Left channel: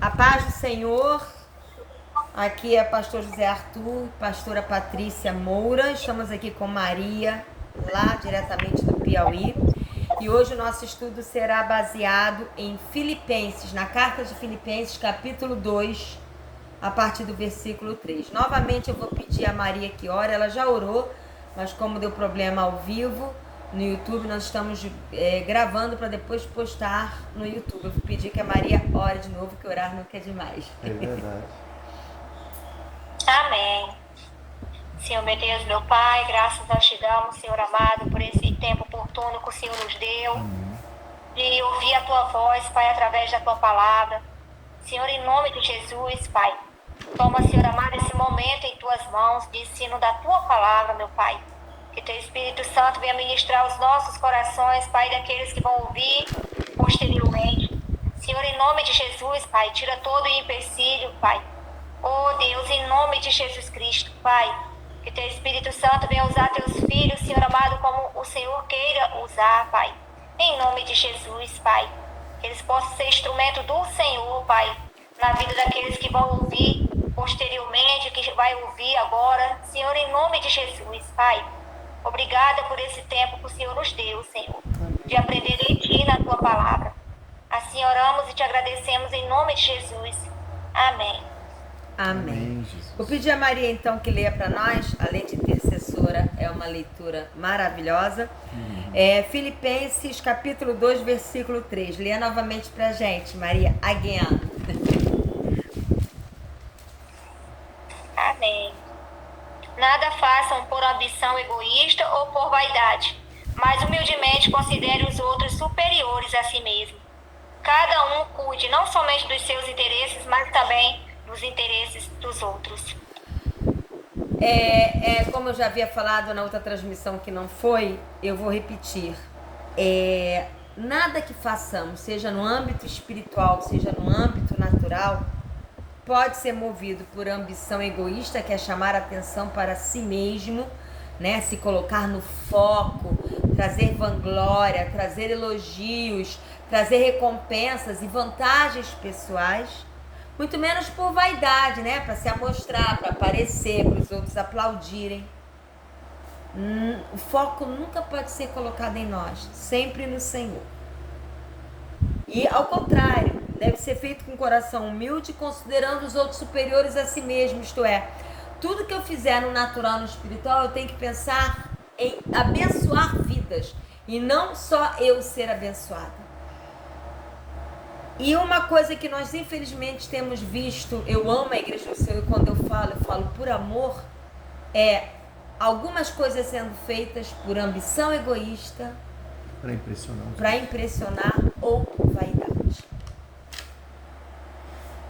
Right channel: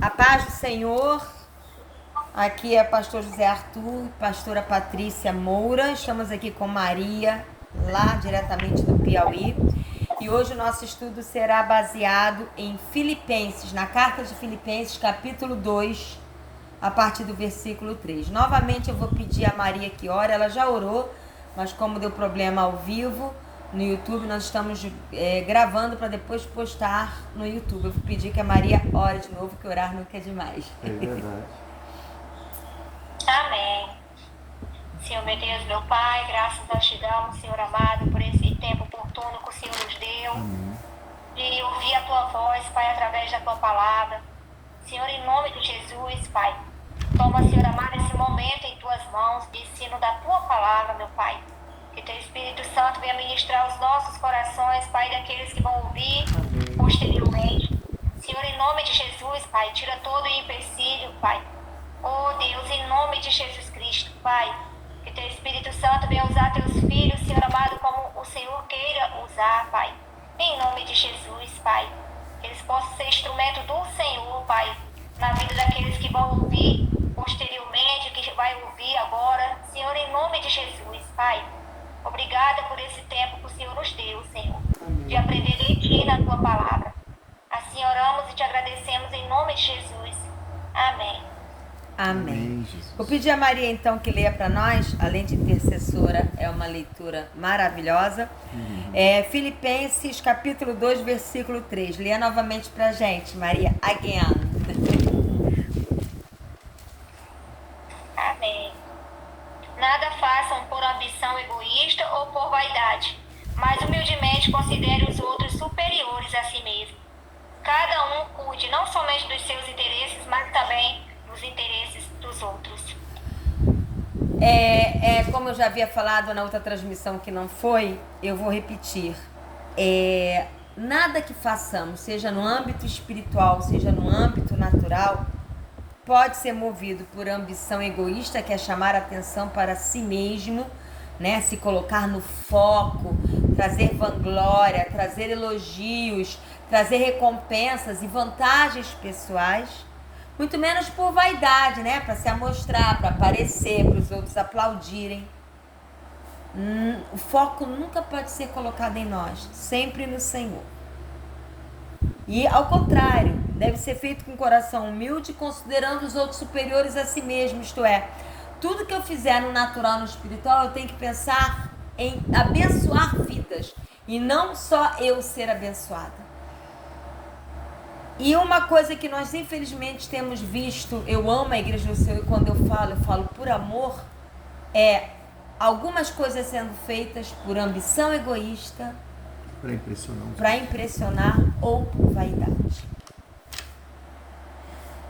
A paz do Senhor, aqui é pastor José Arthur, pastora Patrícia Moura, estamos aqui com Maria, lá diretamente do Piauí, e hoje o nosso estudo será baseado em Filipenses, na carta de Filipenses, capítulo 2, a partir do versículo 3. Novamente eu vou pedir a Maria que ore, ela já orou, mas como deu problema ao vivo, no YouTube, nós estamos gravando para depois postar no YouTube. Eu vou pedir que a Maria ore de novo, que orar nunca é demais. É verdade. Amém. Senhor, meu Deus, meu Pai, graças nós te damos, Senhor amado, por esse tempo oportuno que o Senhor nos deu, de ouvir a Tua voz, Pai, através da Tua palavra. Senhor, em nome de Jesus, Pai, toma, Senhor amado, esse momento em Tuas mãos, de ensino da Tua palavra, meu Pai. Que Teu Espírito Santo venha ministrar os nossos corações, Pai, daqueles que vão ouvir posteriormente. Senhor, em nome de Jesus, Pai, tira todo o empecilho, Pai. Oh, Deus, em nome de Jesus Cristo, Pai, que Teu Espírito Santo venha usar Teus filhos, Senhor amado, como o Senhor queira usar, Pai. Em nome de Jesus, Pai, que eles possam ser instrumento do Senhor, Pai, na vida daqueles que vão ouvir posteriormente, que vai ouvir agora. Senhor, em nome de Jesus, Pai, obrigada por esse tempo que o Senhor nos deu, Senhor, de aprender em Ti na Tua palavra. Assim oramos e Te agradecemos em nome de Jesus. Amém. Amém. Vou pedir a Maria então que leia para nós, além de intercessora, é uma leitura maravilhosa. Filipenses capítulo 2, versículo 3. Leia novamente para a gente, Maria, again. Amém. Nada façam por ambição egoísta ou por vaidade, mas humildemente considere os outros superiores a si mesmo. Cada um cuide não somente dos seus interesses, mas também dos interesses dos outros. Como eu já havia falado na outra transmissão que não foi, eu vou repetir. Nada que façamos, seja no âmbito espiritual, seja no âmbito natural, pode ser movido por ambição egoísta, que é chamar a atenção para si mesmo, né? Se colocar no foco, trazer vanglória, trazer elogios, trazer recompensas e vantagens pessoais, muito menos por vaidade, né? Para se amostrar, para aparecer, para os outros aplaudirem. O foco nunca pode ser colocado em nós, sempre no Senhor. E ao contrário, deve ser feito com um coração humilde, considerando os outros superiores a si mesmo, isto é, tudo que eu fizer no natural, no espiritual, eu tenho que pensar em abençoar vidas e não só eu ser abençoada. E uma coisa que nós infelizmente temos visto, eu amo a Igreja do Senhor e quando eu falo por amor, é algumas coisas sendo feitas por ambição egoísta, para impressionar ou por vaidade.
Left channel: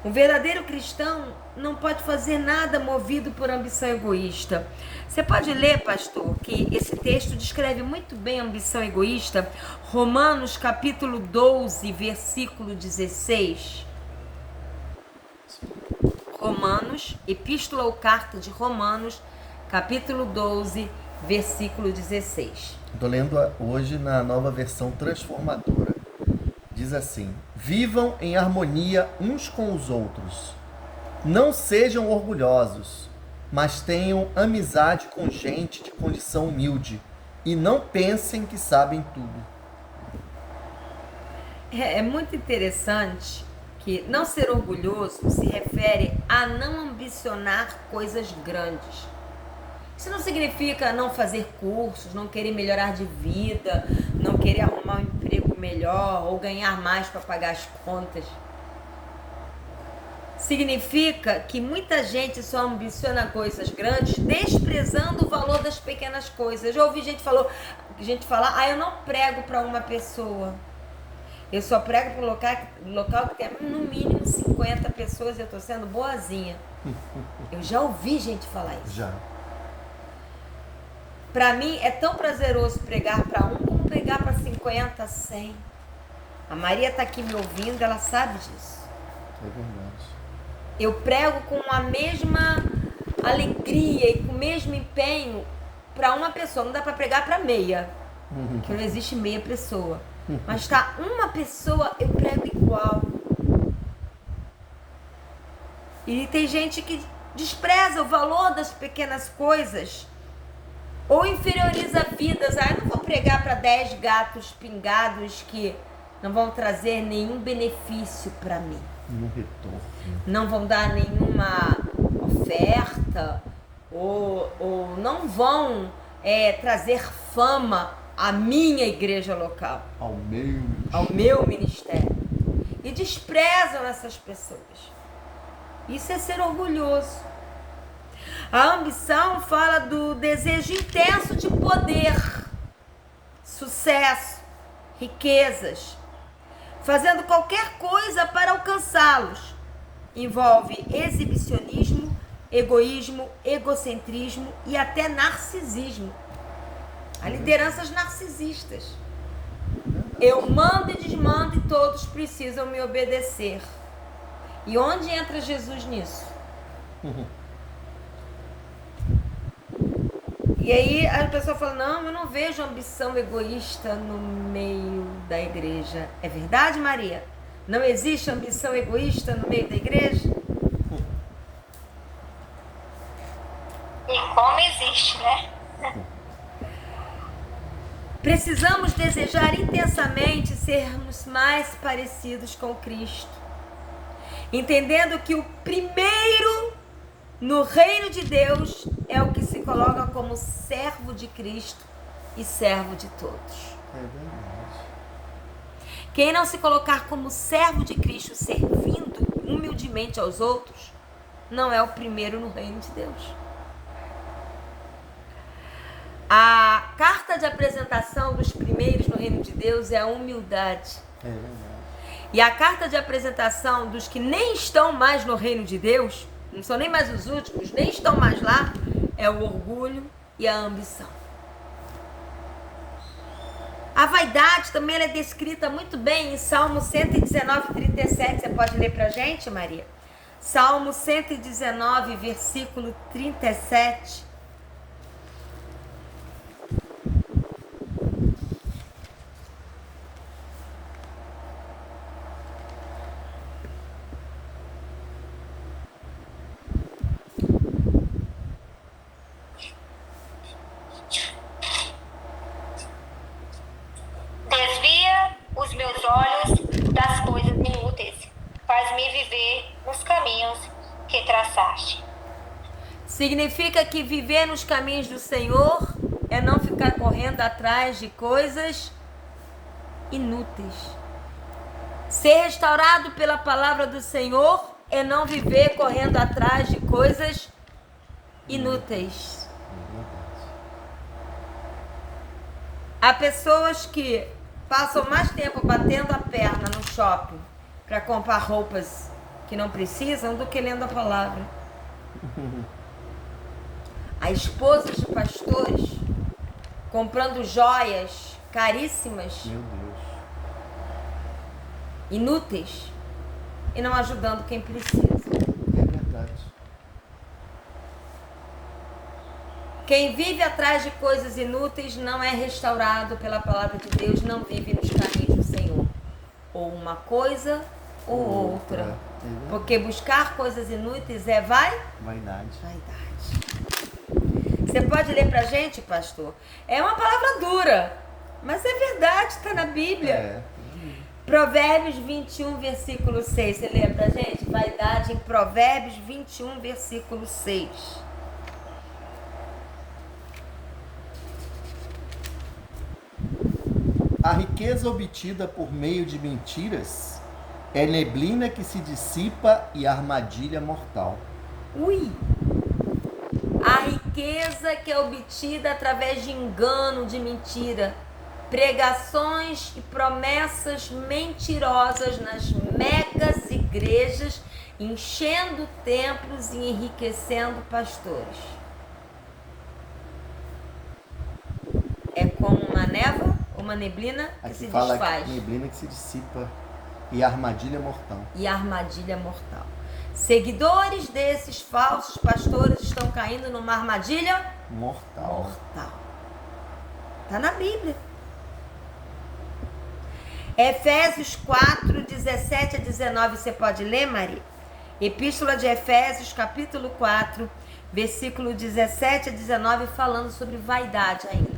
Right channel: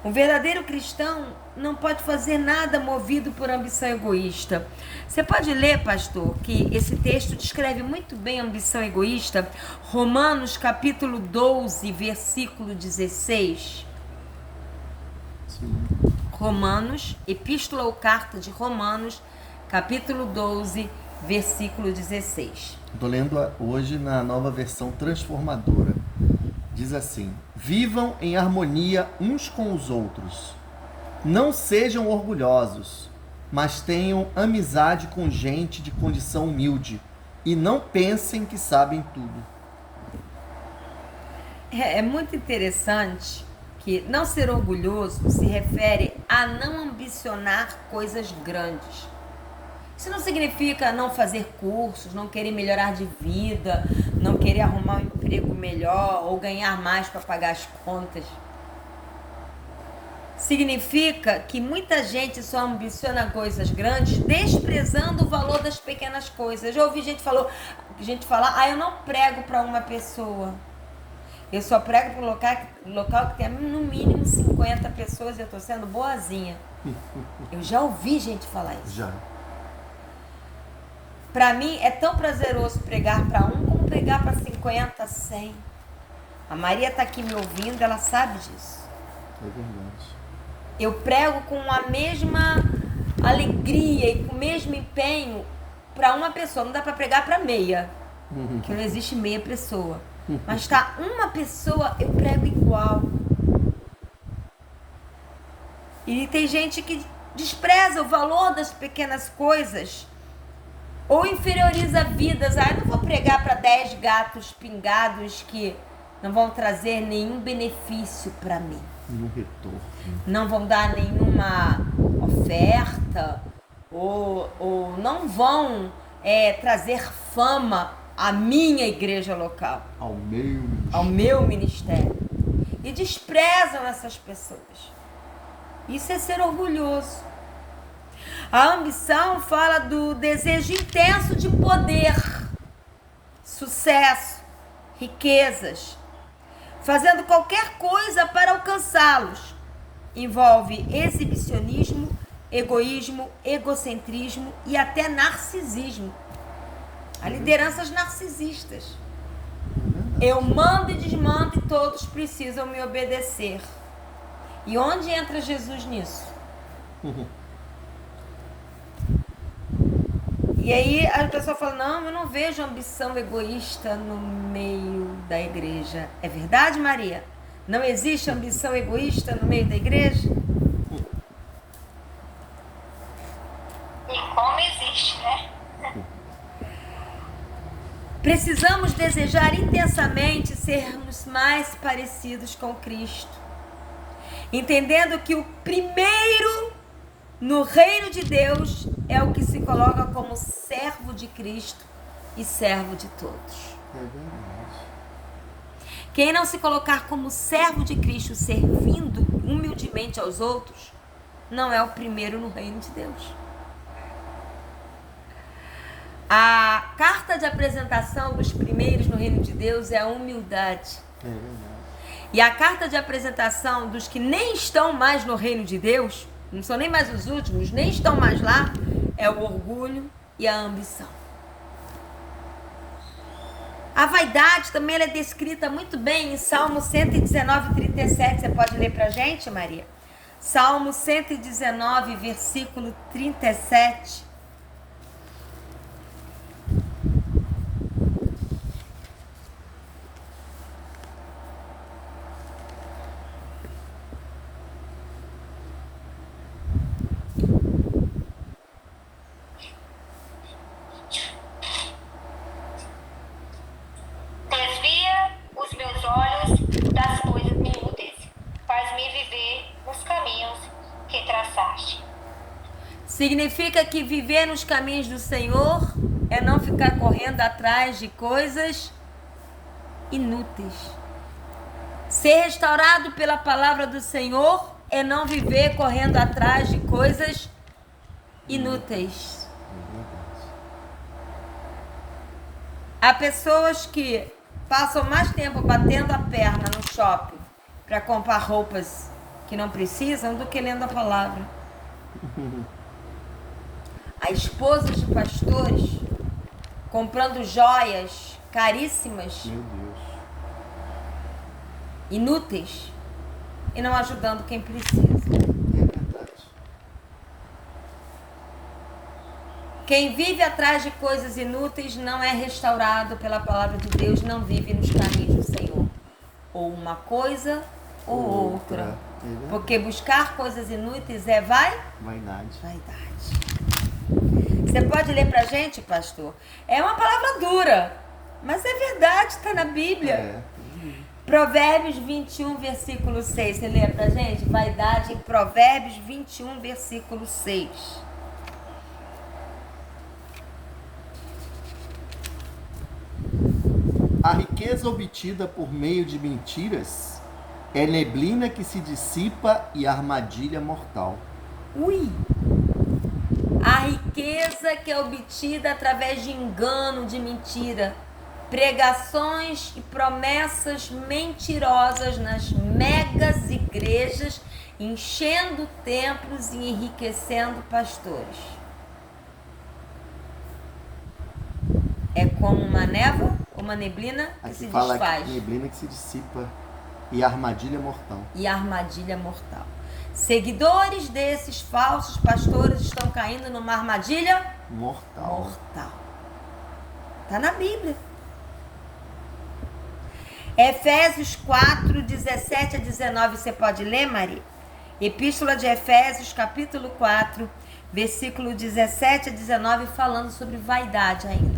Um verdadeiro cristão não pode fazer nada movido por ambição egoísta. Você pode ler, pastor, que esse texto descreve muito bem a ambição egoísta. Romanos capítulo 12, versículo 16. Romanos, epístola ou carta de Romanos, capítulo 12, versículo 16. Estou lendo hoje na nova versão transformadora. Diz assim: vivam em harmonia uns com os outros. Não sejam orgulhosos, mas tenham amizade com gente de condição humilde. E não pensem que sabem tudo. É muito interessante que não ser orgulhoso se refere a não ambicionar coisas grandes. Isso não significa não fazer cursos, não querer melhorar de vida, não querer arrumar um emprego melhor ou ganhar mais para pagar as contas. Significa que muita gente só ambiciona coisas grandes, desprezando o valor das pequenas coisas. Eu já ouvi gente falar, eu não prego para uma pessoa. Eu só prego para um local que tem no mínimo 50 pessoas e eu estou sendo boazinha. Eu já ouvi gente falar isso. Já. Para mim é tão prazeroso pregar para um como pregar para 50, 100. A Maria está aqui me ouvindo, ela sabe disso. É verdade. Eu prego com a mesma alegria e com o mesmo empenho para uma pessoa. Não dá para pregar para meia, porque não existe meia pessoa. Mas tá uma pessoa, eu prego igual. E tem gente que despreza o valor das pequenas coisas ou inferioriza vidas. Ah, não vou pregar para 10 gatos pingados que não vão trazer nenhum benefício para mim. Nenhum retorno. Não vão dar nenhuma oferta ou não vão trazer fama à minha igreja local, ao meu ministério. E desprezam essas pessoas. Isso é ser orgulhoso. A ambição fala do desejo intenso de poder, sucesso, riquezas, fazendo qualquer coisa para alcançá-los. Envolve exibicionismo, egoísmo, egocentrismo e até narcisismo. Há lideranças narcisistas. Eu mando e desmando e todos precisam me obedecer. E onde entra Jesus nisso? E aí a pessoa fala, não, eu não vejo ambição egoísta no meio da igreja. É verdade, Maria? Não existe ambição egoísta no meio da igreja? E como existe, né? Precisamos desejar intensamente sermos mais parecidos com Cristo, entendendo que o primeiro no reino de Deus é o que se coloca como servo de Cristo e servo de todos. É verdade. Quem não se colocar como servo de Cristo, servindo humildemente aos outros, não é o primeiro no reino de Deus. A carta de apresentação dos primeiros no reino de Deus é a humildade. É verdade. E a carta de apresentação dos que nem estão mais no reino de Deus, não são nem mais os últimos, nem estão mais lá, é o orgulho e a ambição. A vaidade também é descrita muito bem em Salmo 119, 37. Você pode ler pra gente, Maria? Salmo 119, versículo 37. Desvia os meus olhos das coisas inúteis. Faz-me viver nos caminhos que traçaste. Significa que viver nos caminhos do Senhor é não ficar correndo atrás de coisas inúteis. Ser restaurado pela palavra do Senhor é não viver correndo atrás de coisas inúteis. Há pessoas que passam mais tempo batendo a perna no shopping para comprar roupas que não precisam do que lendo a palavra. Há esposas de pastores comprando joias caríssimas, Meu Deus. inúteis, e não ajudando quem precisa. É verdade. Quem vive atrás de coisas inúteis não é restaurado pela palavra de Deus, não vive nos caminhos do Senhor. Ou uma coisa ou outra. Porque buscar coisas inúteis é Vaidade. Você pode ler pra gente, pastor? É uma palavra dura, mas é verdade, está na Bíblia. É. Provérbios 21, versículo 6. Você lê pra gente? Vaidade em Provérbios 21, versículo 6. A riqueza obtida por meio de mentiras é neblina que se dissipa e armadilha mortal. Ui! A riqueza que é obtida através de engano, de mentira, pregações e promessas mentirosas nas megas igrejas, enchendo templos e enriquecendo pastores. É como uma névoa, uma neblina que Aqui se fala desfaz. neblina que se dissipa e armadilha mortal. E armadilha mortal. Seguidores desses falsos pastores estão caindo numa armadilha Mortal. Está na Bíblia. Efésios 4, 17 a 19. Você pode ler, Maria? Epístola de Efésios, capítulo 4, versículo 17 a 19, falando sobre vaidade ainda.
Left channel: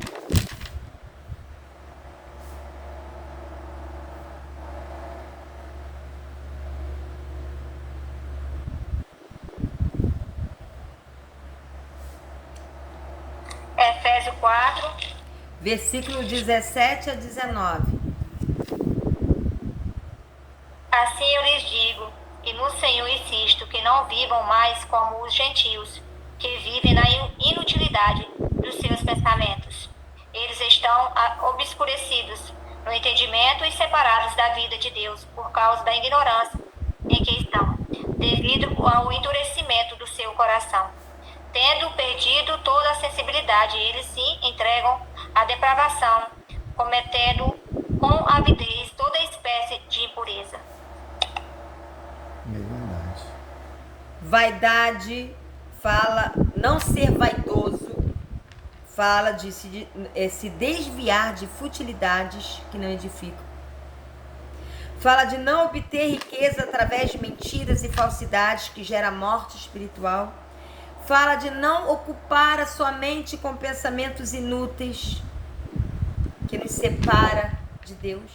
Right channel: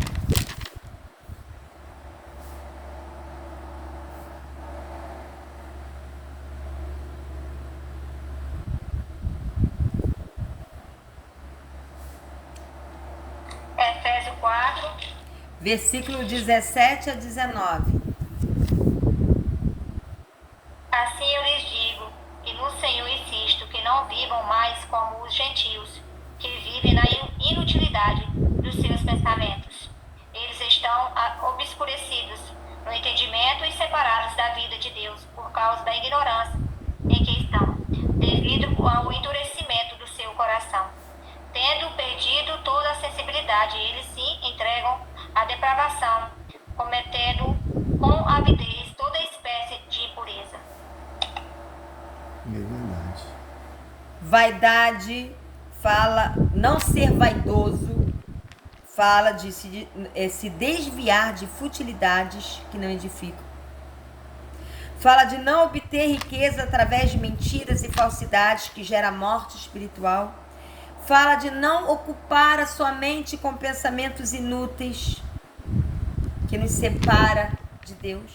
Efésios 4, Versículo 17 a 19. assim eu lhes digo, e no Senhor insisto, que não vivam mais como os gentios, que vivem na inutilidade dos seus pensamentos. Eles estão obscurecidos no entendimento e separados da vida de Deus por causa da ignorância em que estão, devido ao endurecimento do seu coração. Tendo perdido toda a sensibilidade, eles se entregam à depravação, cometendo com avidez toda espécie de impureza. É verdade. Vaidade fala, não ser vaidoso, fala de se desviar de futilidades que não edificam. Fala de não obter riqueza através de mentiras e falsidades que gera morte espiritual. Fala de não ocupar a sua mente com pensamentos inúteis que nos separa de Deus.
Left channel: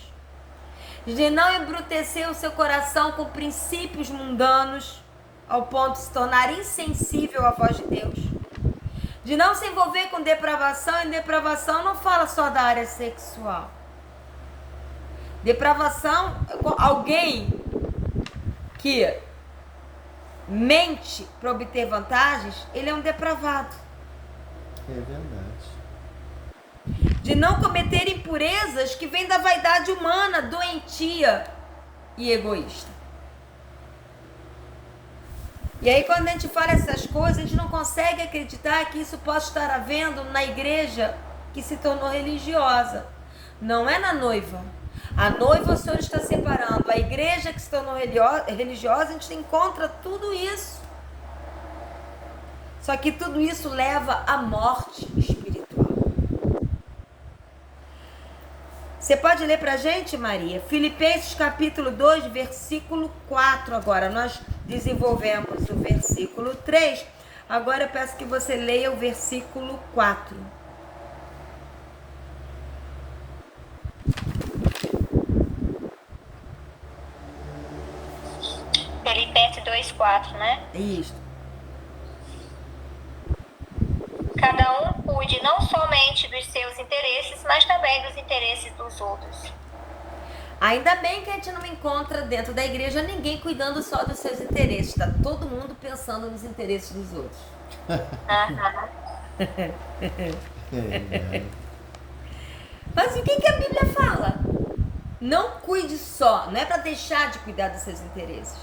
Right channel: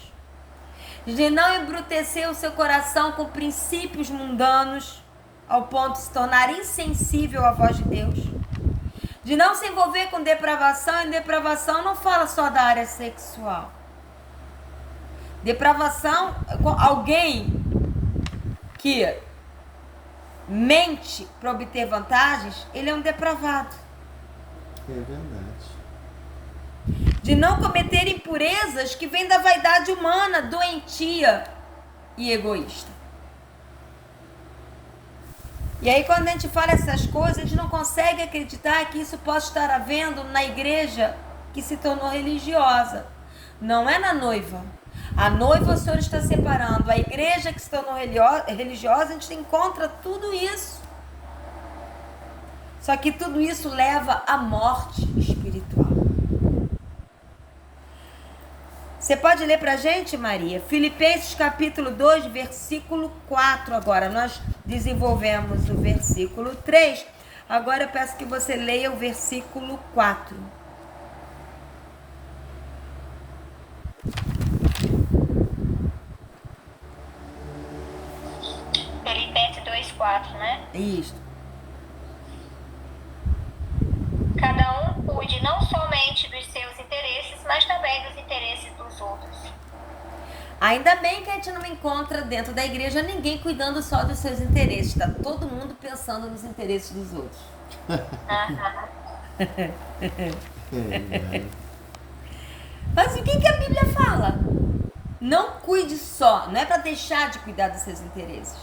De não embrutecer o seu coração com princípios mundanos ao ponto de se tornar insensível à voz de Deus. De não se envolver com depravação, e depravação não fala só da área sexual. Depravação, alguém que mente para obter vantagens, ele é um depravado. É verdade. De não cometer impurezas que vêm da vaidade humana, doentia e egoísta. E aí quando a gente fala essas coisas, a gente não consegue acreditar que isso possa estar havendo na igreja que se tornou religiosa. Não é na noiva. A noiva o Senhor está separando. A igreja que se tornou religiosa, a gente encontra tudo isso. Só que tudo isso leva à morte espiritual. Você pode ler pra gente, Maria? Filipenses capítulo 2, versículo 4 agora. Nós desenvolvemos o versículo 3. Agora eu peço que você leia o versículo 4. Filipenses 2:4, né? Isso. Cada um cuide não somente dos seus interesses, mas também dos interesses dos outros. Ainda bem que a gente não encontra dentro da igreja ninguém cuidando só dos seus interesses. Está todo mundo pensando nos interesses dos outros. Mas o que a Bíblia fala? Não cuide só, não é para deixar de cuidar dos seus interesses.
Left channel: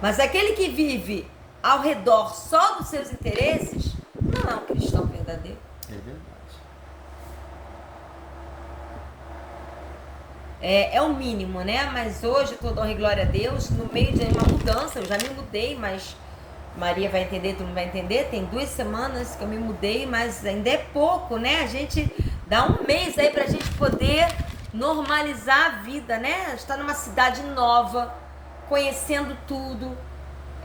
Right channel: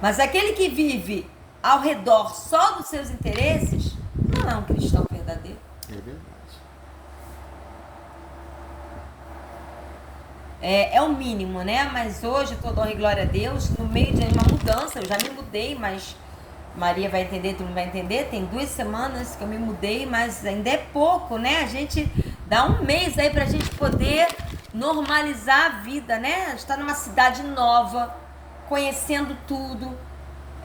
Mas aquele que vive ao redor só dos seus interesses, não é um cristão verdadeiro. É verdade. É o mínimo, né? Mas hoje, todo honra e glória a Deus, no meio de uma mudança, eu já me mudei, mas Maria vai entender, tu não vai entender, tem 2 semanas que eu me mudei, mas ainda é pouco, né? A gente dá um mês aí pra gente poder normalizar a vida, né? A gente tá numa cidade nova, conhecendo tudo.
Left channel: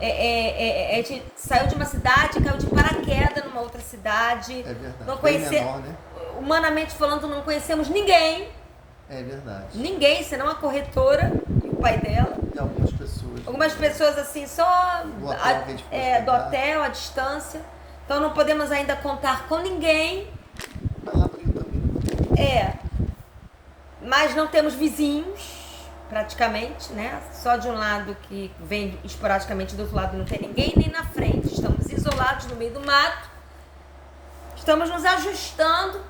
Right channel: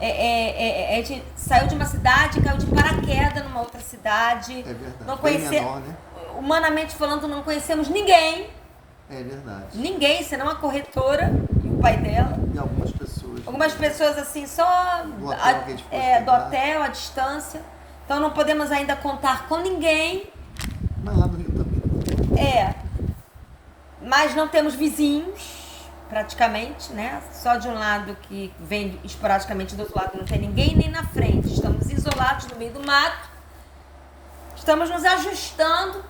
A gente saiu de uma cidade, caiu de paraquedas numa outra cidade. É verdade. Não Bem conhece... menor, né? Humanamente falando, não conhecemos ninguém. É verdade. Ninguém, senão a corretora, o pai dela. E algumas pessoas. Algumas pessoas assim, só Do hotel que a gente pode pegar. do hotel, à distância. Então não podemos ainda contar com ninguém. Mas lá no Rio também. Mas não temos vizinhos, praticamente, né? Só de um lado que vem esporadicamente, do outro lado não tem ninguém, nem na frente. Estamos isolados no meio do mato. Estamos nos ajustando.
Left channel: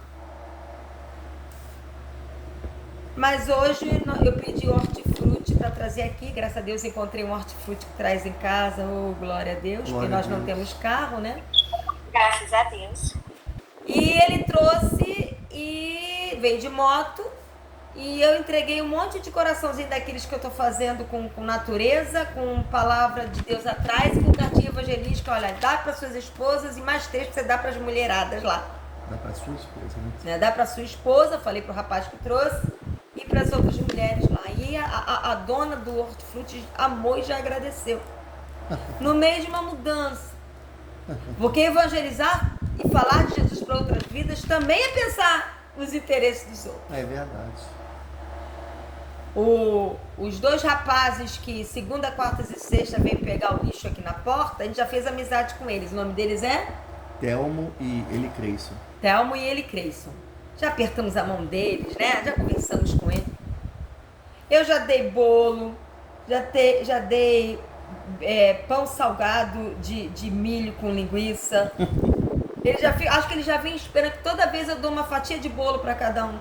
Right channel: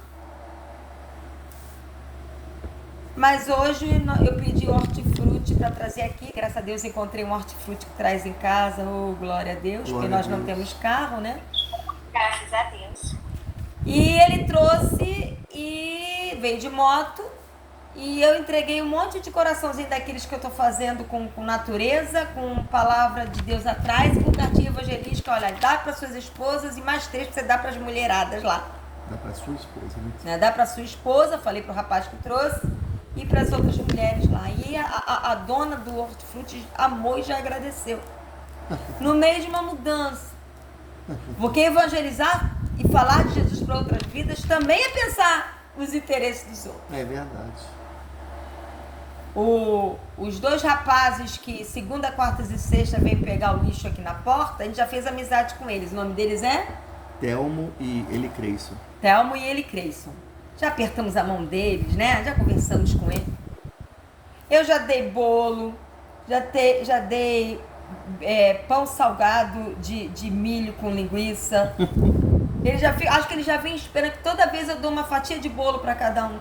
Mas hoje eu pedi hortifruti para trazer aqui. Graças a Deus encontrei um hortifruti que traz em casa. Oh, glória a Deus, porque nós não temos carro, né? Graças a Deus. E ele trouxe e veio de moto. E eu entreguei um monte de coraçãozinho daqueles que eu tô fazendo com natureza, com palavra de Deus atrás e com cartinha evangelística. Olha, dá para suas esposas e mais 3 que você dá para as mulheradas lá. Dá pra sua esposa, né? Dá para sua esposa, falei pro rapaz que trouxe. E para as outras mulheres lá. E a dona do hortifruti amou e já agradeceu. no meio de uma mudança. Porque evangelizar e falar de Jesus para outras vidas também é pensar nos interesses dos outros. É verdade. Os dois rapazes que segunda, quarta e sexta vêm pegar o lixo aqui na porta, a gente já fez amizade com eles. O nome deles é? Telmo e Eli Creyson. Telmo e Eli Creyson. Já apertamos a mão deles, né? Já conversamos com eles. Eu já dei bolo, já dei pão salgado de milho com linguiça. Acho que eles já vêm esperando que toda vez eu dou uma fatia de bolo para cada um.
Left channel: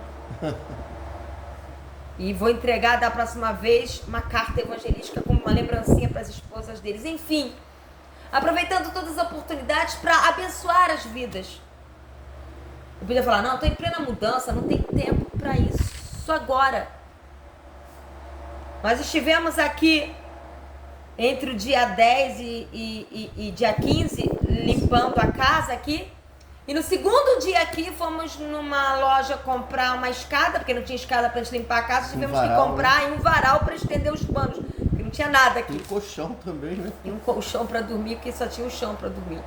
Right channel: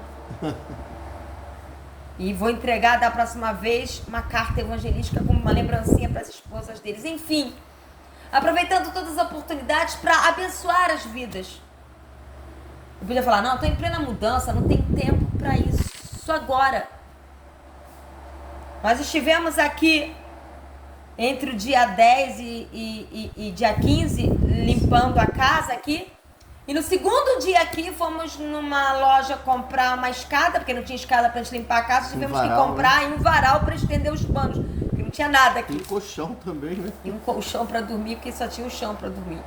E vou entregar da próxima vez uma carta evangelística como uma lembrancinha para as esposas deles. Enfim, aproveitando todas as oportunidades para abençoar as vidas. Eu podia falar, não, estou em plena mudança, não tem tempo para isso. Só agora. Nós estivemos aqui entre o dia 10 e dia 15, limpando a casa aqui. E no segundo dia aqui, fomos numa loja comprar uma escada, porque não tinha escada para limpar a casa. Tivemos que comprar um varal para estender os panos, porque não tinha nada aqui. E um colchão também, né? E um colchão para dormir, porque só tinha um chão para dormir.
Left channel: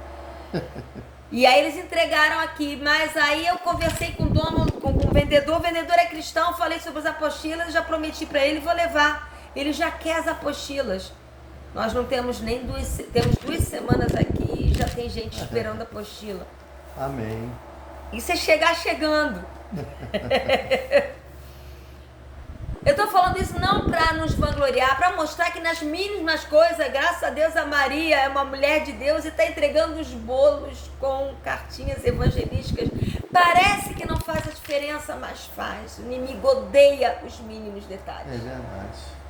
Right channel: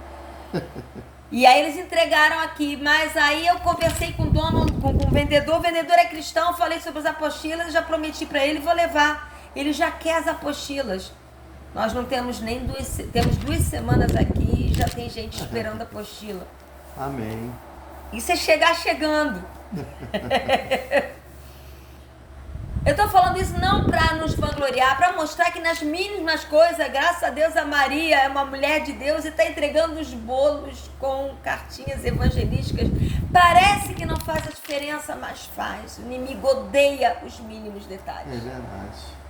E aí eles entregaram aqui, mas aí eu conversei com o dono, com o vendedor. O vendedor é cristão, falei sobre as apostilas, já prometi para ele, vou levar. Ele já quer as apostilas. Nós não temos nem temos 2 semanas aqui e já tem gente esperando a apostila. Amém. Isso é chegar chegando. Eu tô falando isso não para nos vangloriar, para mostrar que nas mínimas coisas, graças a Deus, a Maria é uma mulher de Deus e está entregando os bolos com cartinhas evangelísticas. Parece que não faz a diferença, mas faz. O inimigo odeia os mínimos detalhes. É verdade.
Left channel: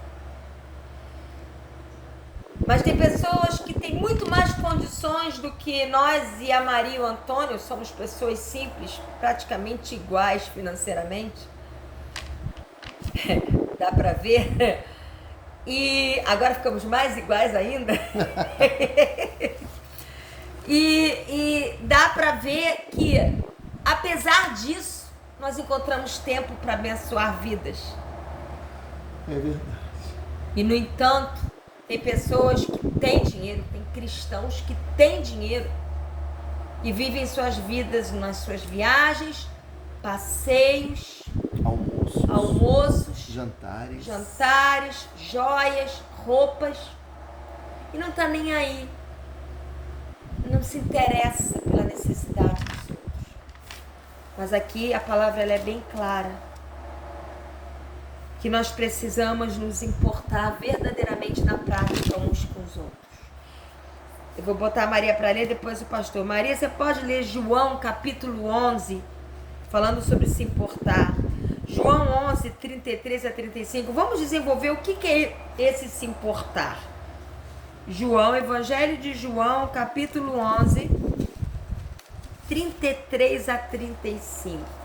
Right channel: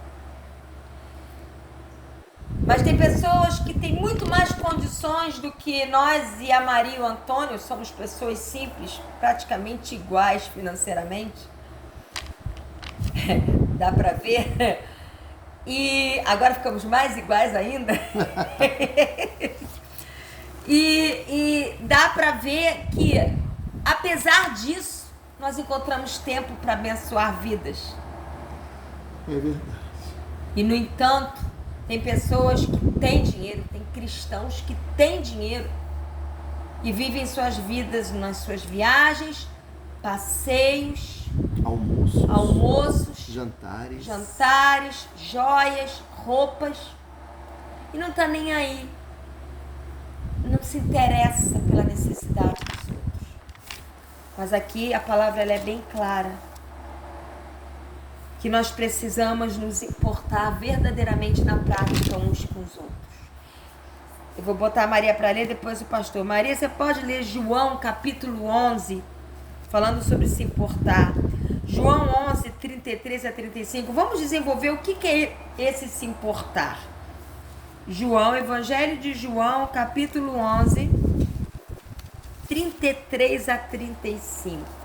Mas tem pessoas que têm muito mais condições do que nós e a Maria e o Antônio. Somos pessoas simples, praticamente iguais financeiramente. Dá pra ver? E agora ficamos mais iguais ainda. e dá pra ver que, apesar disso, nós encontramos tempo para abençoar vidas. É verdade. E, no entanto, tem pessoas que têm dinheiro, tem cristãos que têm dinheiro e vivem suas vidas nas suas viagens, passeios, almoços, jantares, joias, roupas, e não está nem aí, não se interessa pela necessidade dos outros. Mas aqui a palavra ela é bem clara, que nós precisamos nos importar verdadeiramente na prática uns com os outros. Eu vou botar a Maria para ler, depois o pastor. Maria, você pode ler João capítulo 11, falando sobre se importar. João 11, 33 a 35. Vamos desenvolver o que é esse se importar. João, Evangelho de João, capítulo 11, 33 a 35.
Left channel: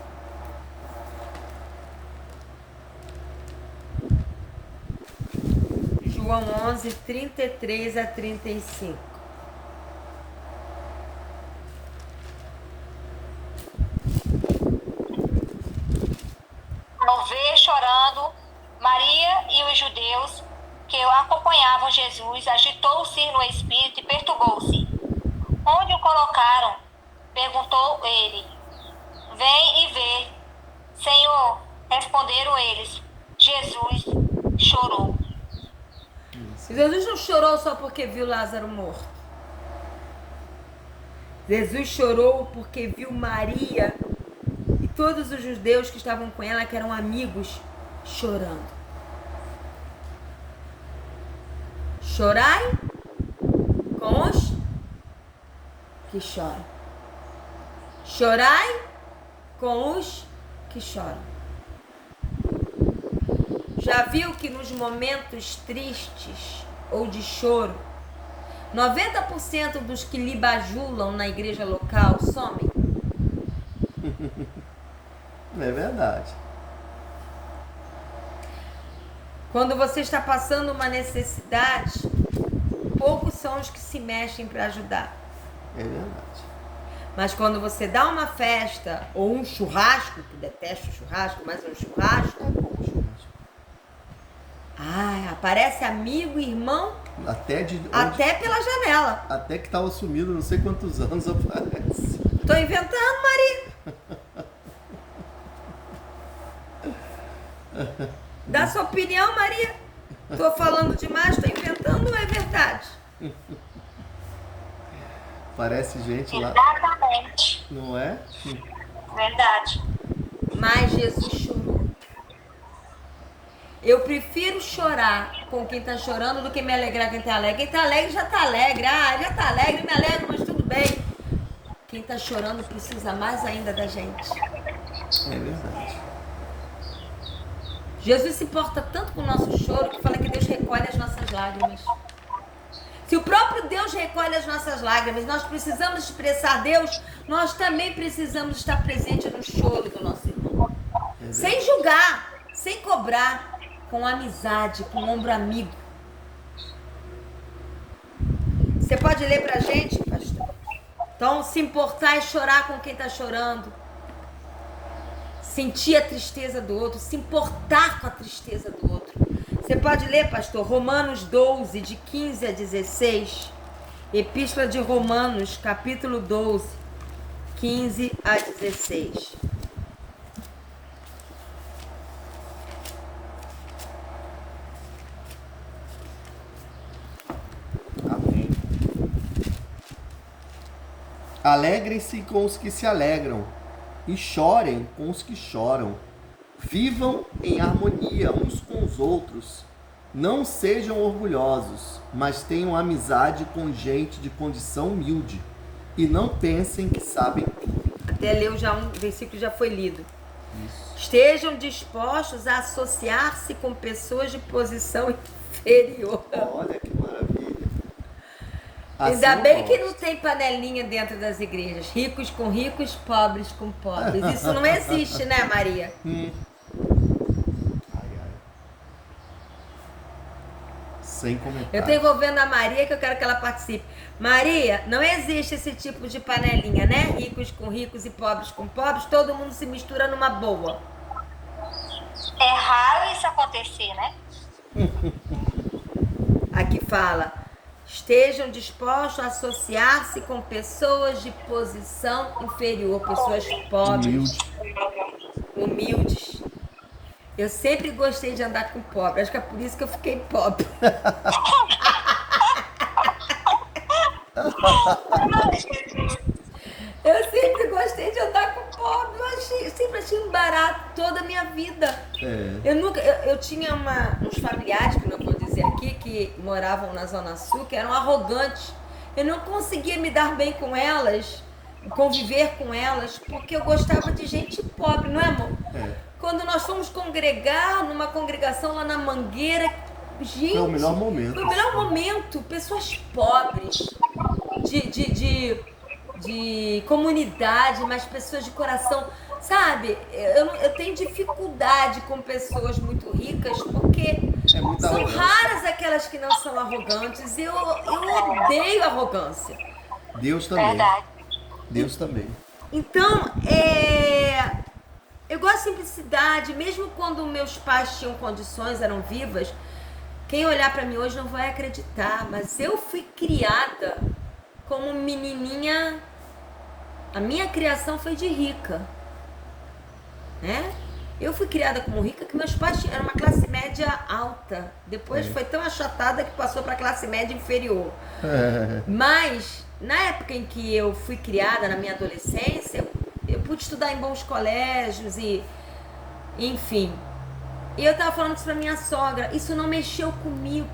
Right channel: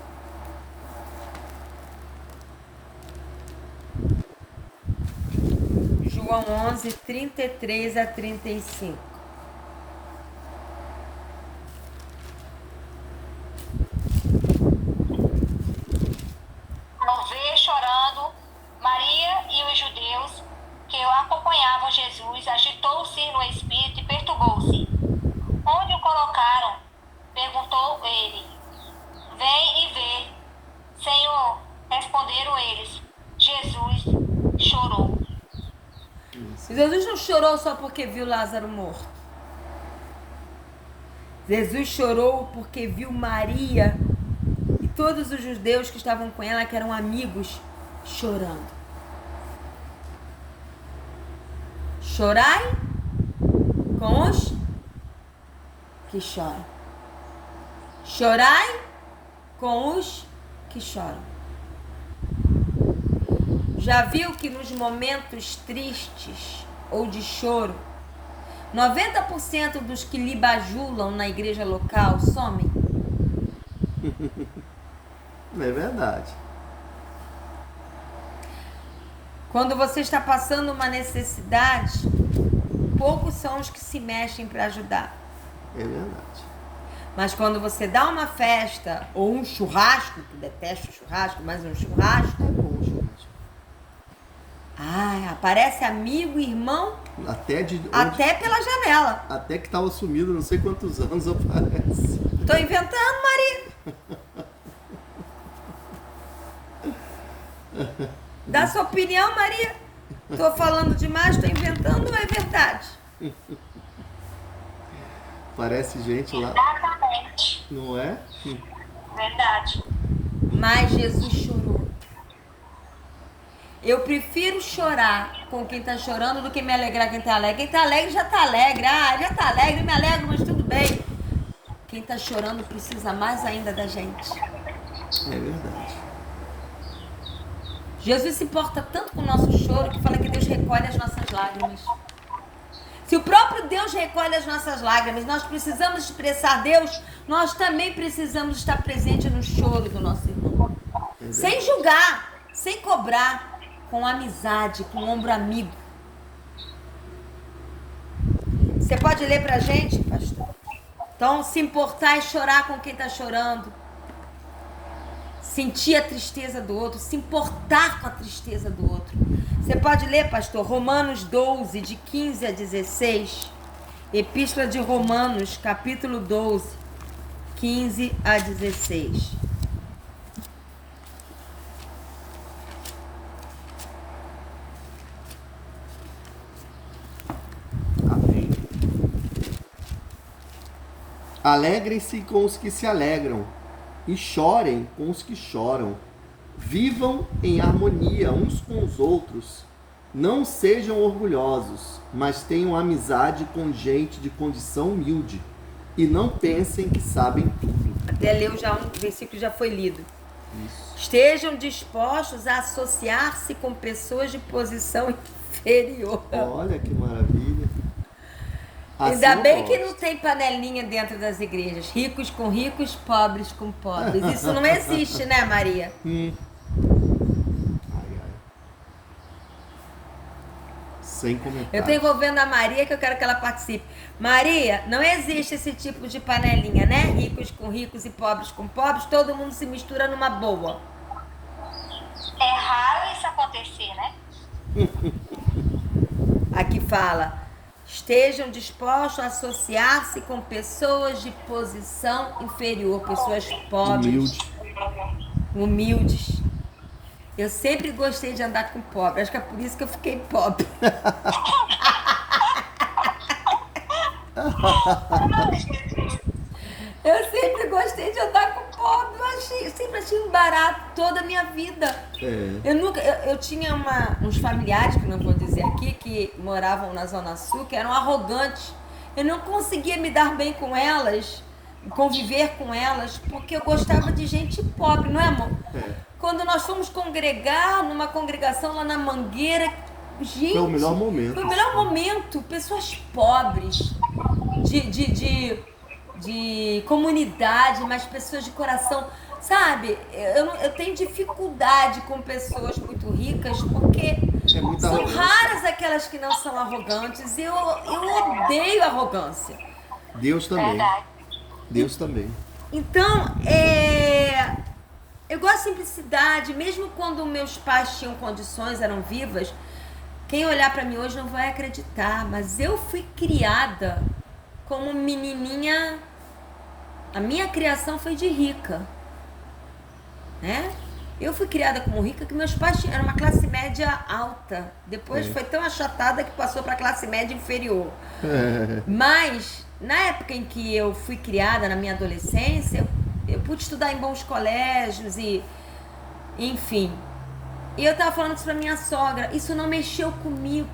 João 11, 33 a 35. Ao ver chorando Maria e os judeus que acompanhavam Jesus, agitou-se no espírito e perturbou-se. Onde o colocaram? Perguntou ele. Vem e vê. Senhor, responderam eles. Jesus chorou. Jesus não chorou só porque viu Lázaro morto. Jesus chorou porque viu Maria e todos os judeus que estavam com ela, que eram amigos, chorando. Chorai com os que choram. Chorai com os que choram. Já viu que nos momentos tristes ou de choro, 90% dos que lhe bajulam na igreja local somem? É verdade. Quando você está passando uma necessidade, poucos são os que se mexem para ajudar. É verdade. Mas quando você dá uma festa ou um churrasco, que detesto churrasco, mas um churrasco, Ah, aparece amigo, irmão, Até de onde- até pela janela. até que estava sumido, não sei quantos anos aparece. Tô inventando, Maria. Dá sua opinião, Maria. Tô falando demais, tô inventando, não é verdade? Parece gente lá, Exatamente. não é? Verdade. Mas Jesus chorou. Eu prefiro chorar com quem tá chorando do que me alegrar com quem tá alegre. Quem tá alegre já tá alegre. Ah, já tá alegre, me alegro, mas tudo bem. Quem tá chorando precisa mais ainda da gente. É verdade. Jesus se importa tanto com o nosso choro que fala que Deus recolhe as nossas lágrimas. Se o próprio Deus recolhe as nossas lágrimas, nós precisamos expressar Deus, nós também precisamos estar presente no choro do nosso irmão. Sem julgar, sem cobrar, com amizade, com ombro amigo. Você pode ler pra gente, pastor? Então, se importar e chorar com quem está chorando. Sentir a tristeza do outro, se importar com a tristeza do outro. Você pode ler, pastor, Romanos 12, de 15 a 16. Epístola de Romanos, capítulo 12, 15 a 16. Amém. Alegrem-se com os que se alegram e chorem com os que choram. Vivam em harmonia uns com os outros. Não sejam orgulhosos, mas tenham amizade com gente de condição humilde. E não pensem que sabem tudo. Até leu já um versículo, já foi lido. Isso. Estejam dispostos a associar-se com pessoas de posição inferior. Olha que maravilha. Ainda Assim bem pode. que não tem panelinha dentro das igrejas. Ricos com ricos, pobres com pobres. Isso não existe, né, Maria? Ai, ai. Sem comentário. Eu tô envolvendo a Maria que eu quero que ela participe. Maria, não existe esse tipo de panelinha, né? Ricos com ricos e pobres com pobres. Todo mundo se mistura numa boa. É raro isso acontecer, né? Aqui fala... Estejam dispostos a associar-se com pessoas de posição inferior, pessoas pobres, humildes. Eu sempre gostei de andar com pobre, acho que é por isso que eu fiquei pobre. Eu sempre gostei de andar com pobre, eu sempre achei um barato toda a minha vida. Eu tinha uns familiares, que não vou dizer aqui, que moravam na Zona Sul, que eram arrogantes. Eu não conseguia me dar bem com elas, conviver com elas, porque eu gostava de gente pobre, não é, amor? Quando nós fomos congregar numa congregação lá na Mangueira, gente, Foi o melhor momento. Foi o melhor momento. Pessoas pobres, de comunidade, mas pessoas de coração. Sabe, eu tenho dificuldade com pessoas muito ricas, porque são raras aquelas que não são arrogantes. Eu odeio arrogância. Deus também. Verdade. Deus também. Então, eu gosto de simplicidade, mesmo quando meus pais tinham condições, eram vivas. Quem olhar pra mim hoje não vai acreditar, mas eu fui criada como menininha. A minha criação foi de rica, né? Eu fui criada como rica, que meus pais eram uma classe média alta. Depois foi tão achatada que passou para classe média inferior. Mas na época em que eu fui criada, na minha adolescência, eu pude estudar em bons colégios e enfim. E eu tava falando isso pra minha sogra, isso não mexeu comigo.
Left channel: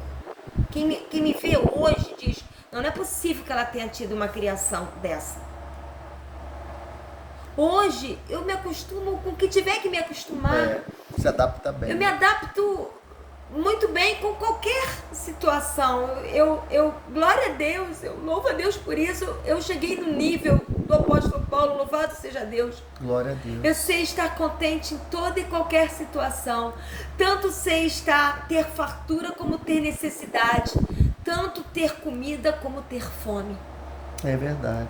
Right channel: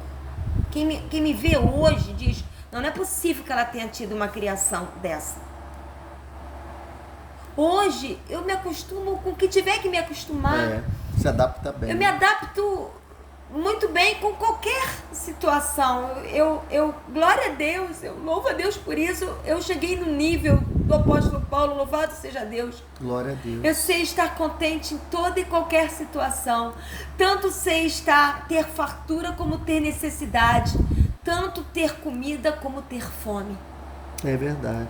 Quem me vê hoje diz, não é possível que ela tenha tido uma criação dessa. Hoje eu me acostumo com o que tiver que me acostumar. Se adapta bem. Eu me adapto muito bem com qualquer situação. Eu glória a Deus, eu louvo a Deus por isso. Eu cheguei no nível do apóstolo Paulo, louvado seja Deus. Glória a Deus. Eu sei estar contente em toda e qualquer situação. Tanto sei ter fartura como ter necessidade. Tanto ter comida como ter fome. É verdade.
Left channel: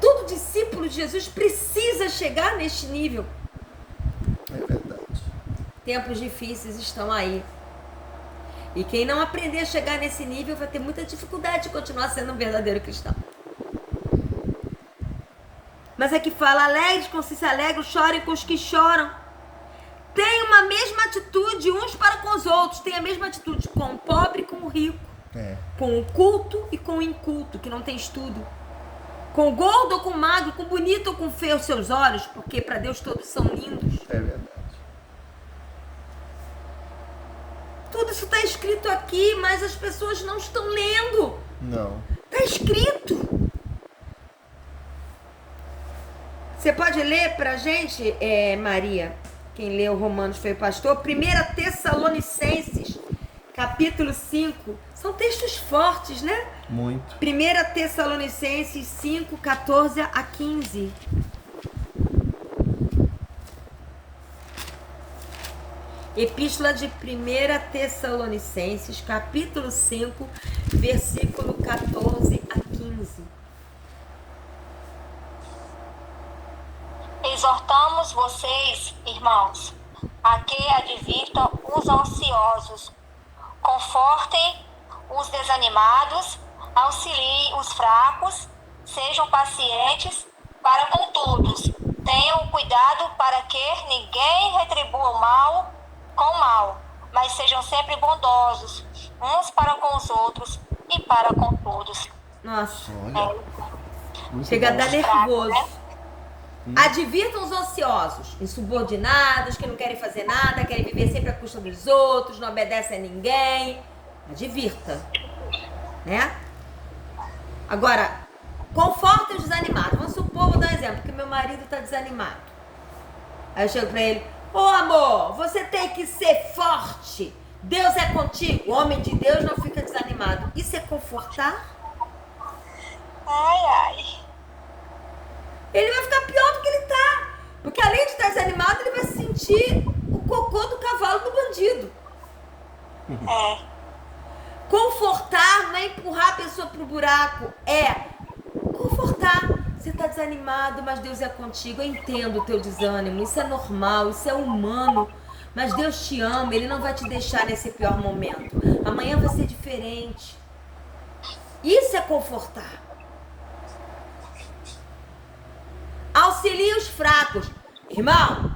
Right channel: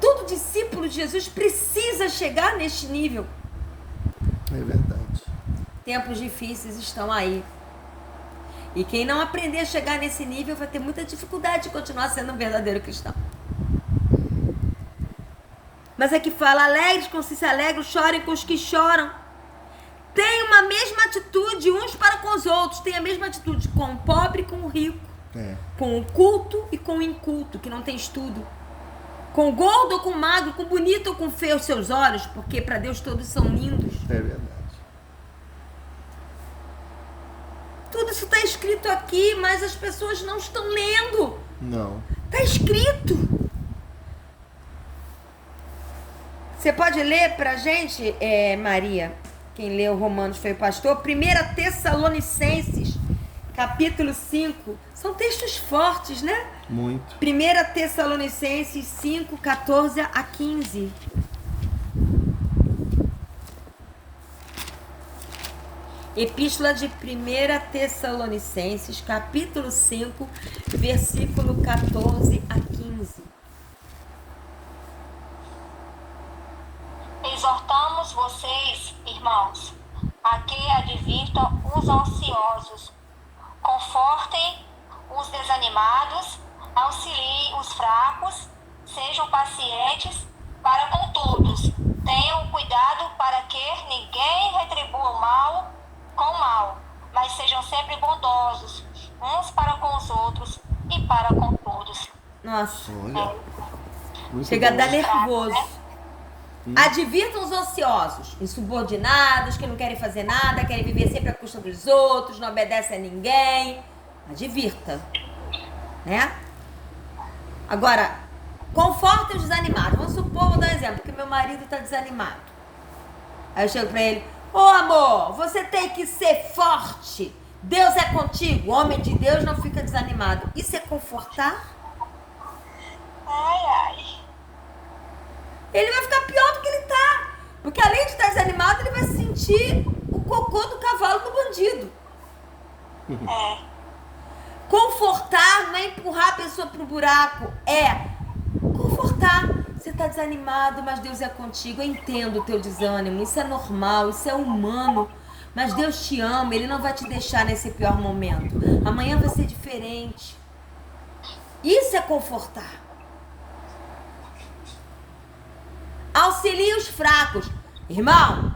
Todo discípulo de Jesus precisa chegar neste nível. É verdade. Tempos difíceis estão aí. E quem não aprender a chegar nesse nível vai ter muita dificuldade de continuar sendo um verdadeiro cristão. Mas aqui fala, alegres com os que se alegram, chorem com os que choram. Tem uma mesma atitude uns para com os outros. Tem a mesma atitude com o pobre e com o rico. Com o culto e com o inculto, que não tem estudo. Com o gordo ou com o magro, com o bonito ou com o feio aos seus olhos, porque para Deus todos são lindos. É verdade. Tudo isso está escrito aqui, mas as pessoas não estão lendo. Não. Está escrito. Você pode ler pra gente, Maria? Quem leu Romanos foi o pastor. 1 Tessalonicenses, capítulo 5. São textos fortes, né? Muito. 1 Tessalonicenses 5, 14 a 15. Epístola de 1 Tessalonicenses, capítulo 5, versículo 14 a 15. Exortamos vocês, irmãos, a que advirtam os ansiosos, confortem os desanimados, auxiliem os fracos, sejam pacientes para com todos. Tenham cuidado para que ninguém retribua o mal com mal, mas sejam sempre bondosos, uns para com os outros e para com todos. Nossa, Olha. Muito chega a bom. dar nervoso. Advirtam os ansiosos, insubordinados, que não querem fazer nada, querem viver sempre à custa dos outros, não obedecem a ninguém. Advirta, né? Agora, confortem os desanimados. Vamos supor, vou dar um exemplo, que meu marido está desanimado. Aí eu chego pra ele, ô amor, você tem que ser forte. Deus é contigo. O homem de Deus não fica desanimado. Isso é confortar? Ai, ai. Ele vai ficar pior do que ele tá. Porque além de estar desanimado, ele vai sentir o cocô do cavalo do bandido. É. Confortar não é empurrar a pessoa pro buraco. É confortar. Você tá desanimado, mas Deus é contigo. Eu entendo o teu desânimo. Isso é normal, isso é humano. Mas Deus te ama, Ele não vai te deixar nesse pior momento. Amanhã vai ser diferente. Isso é confortar. Auxilie os fracos. Irmão,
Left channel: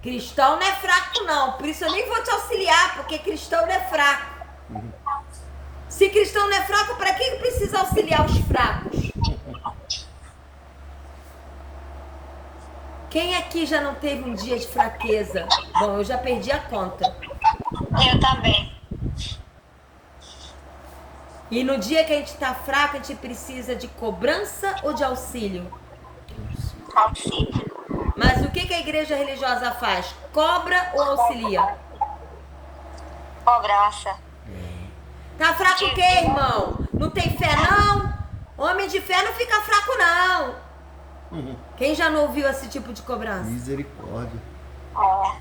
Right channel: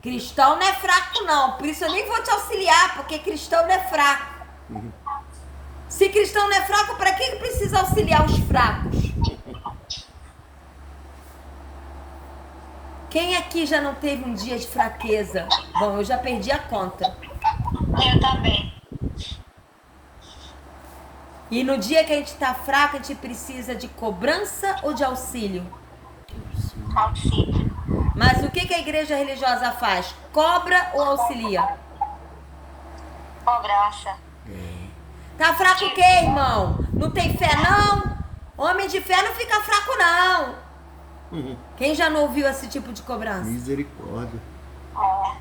cristão não é fraco não. Por isso eu nem vou te auxiliar, porque cristão não é fraco. Se cristão não é fraco, para que precisa auxiliar os fracos? Quem aqui já não teve um dia de fraqueza? Bom, eu já perdi a conta. Eu também. E no dia que a gente está fraco, a gente precisa de cobrança ou de auxílio? Auxílio. Mas o que a igreja religiosa faz? Cobra ou auxilia? Cobrança. Tá fraco o quê, irmão? Não tem fé, não? Homem de fé não fica fraco, não. Quem já não ouviu esse tipo de cobrança? Misericórdia. É.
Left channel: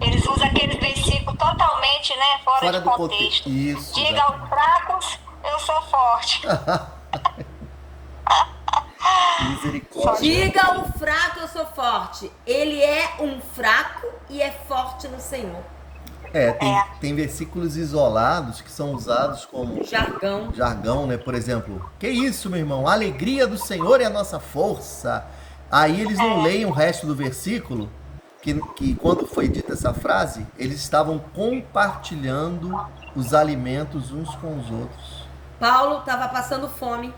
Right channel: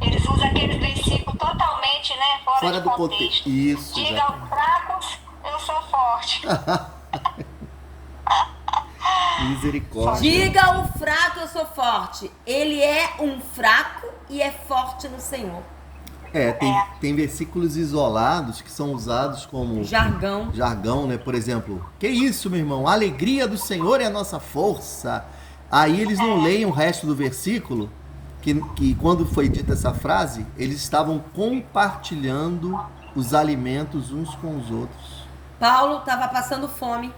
Eles usam aquele versículo totalmente, né, fora de contexto. Isso. Diga Exatamente. aos fracos, eu sou forte. Misericórdia. Diga ao fraco, eu sou forte. Ele é um fraco e é forte no Senhor. Tem versículos isolados que são usados como Jargão. né? Por exemplo, que isso, meu irmão? A alegria do Senhor é a nossa força. Aí eles não leem o resto do versículo, que quando foi dita essa frase, eles estavam compartilhando os alimentos uns com os outros. Paulo estava passando fome.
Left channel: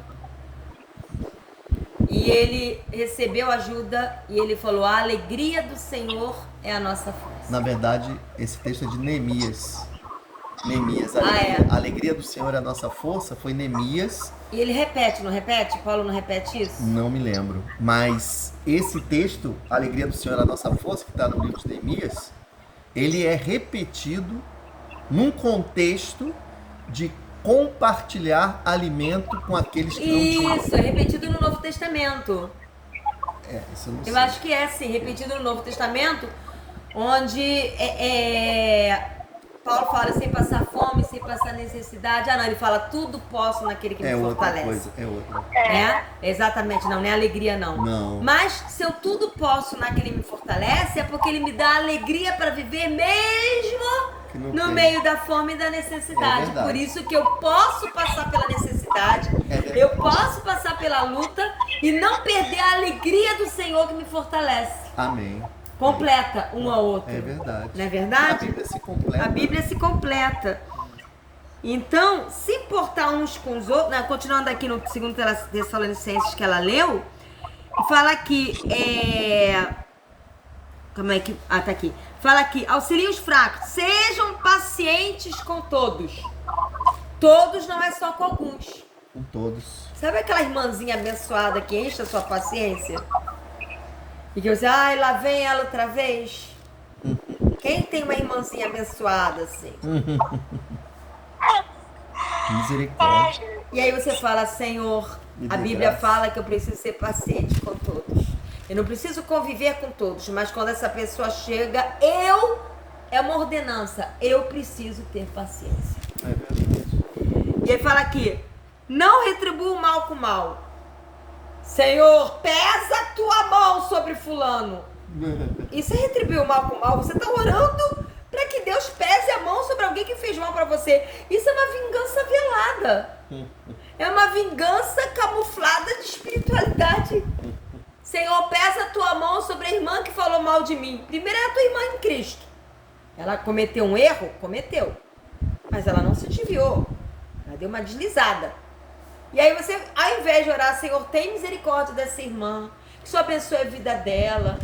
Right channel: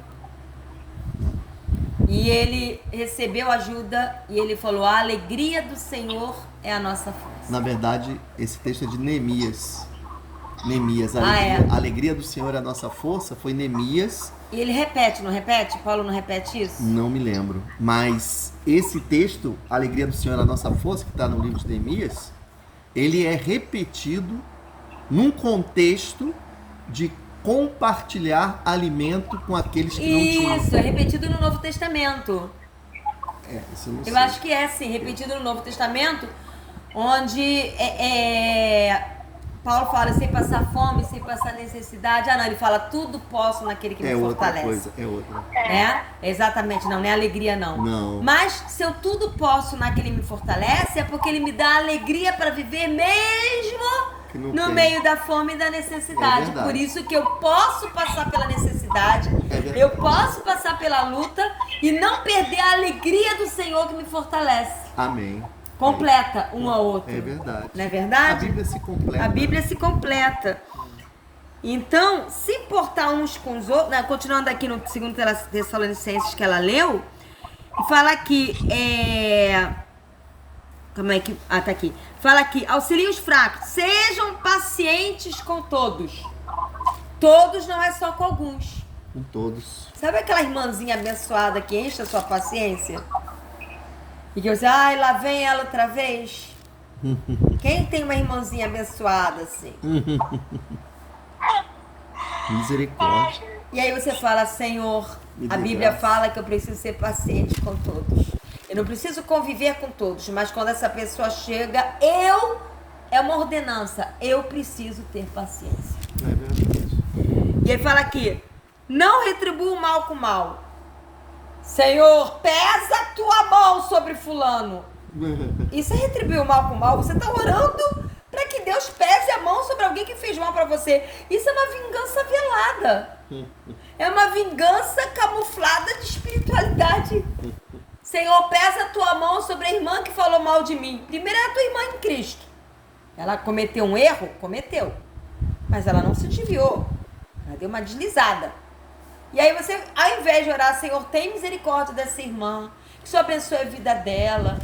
E ele recebeu ajuda e ele falou, a alegria do Senhor é a nossa força. Na verdade, esse texto é de Neemias. Neemias, a alegria do Senhor é a nossa força, foi Neemias. E ele repete, não repete? Paulo não repete isso? Não me lembro. Mas esse texto, a alegria do Senhor é a nossa força, que está no livro de Neemias, ele é repetido num contexto de compartilhar alimento com aqueles que não tinham. Isso, é repetido no Novo Testamento. Isso eu não sei. Eu acho que é sim, repetido no Novo Testamento, onde Paulo fala sem passar fome, sem passar necessidade. Ah não, ele fala tudo posso naquele que me fortalece. É outra. Exatamente, não é alegria não. Não. Mas se eu tudo posso naquele que me fortalece, é porque ele me dá alegria para viver mesmo que não no tem. meio da fome e da necessidade. verdade. Por isso que eu posso passar pela necessidade, verdade. eu posso passar pela luta e não perder a alegria do Senhor que me fortalece. Amém. Completa um ao outro. É verdade. Não é verdade? A Bíblia se completa. A Bíblia se completa. Então, se importar uns com os outros, continuando aqui no 2 Tessalonicenses que ela leu, fala que como é que... tá aqui. Fala aqui, auxiliem os fracos, sejam pacientes com todos. Todos não é só com alguns. Com todos. Sabe aquela irmãzinha abençoada que enche a sua paciência? E que você, ai, lá vem ela outra vez. Quem tem uma irmãzinha abençoada assim? Misericórdia. E aí você fala, Senhor, Me a dê Bíblia graça. fala que eu preciso ser paciente com todos. Eu não preciso conviver com todos, mas quando essa pessoa chega, é uma ordenança, eu preciso ter paciência. É verdade. E aí fala aqui, não retribua o mal com o mal. Senhor, pesa a tua mão sobre fulano. Isso é retribuir o mal com o mal. Você está orando para que Deus pese a mão sobre alguém que fez mal para você. Isso é uma vingança velada. É uma vingança camuflada de espiritualidade. Senhor, pesa a tua mão sobre a irmã que falou mal de mim. Primeiro é a tua irmã em Cristo. Ela cometeu um erro? Cometeu. Mas ela não se desviou. Ela deu uma deslizada. E aí você, ao invés de orar, Senhor, tem misericórdia dessa irmã, que o Senhor abençoe a vida dela,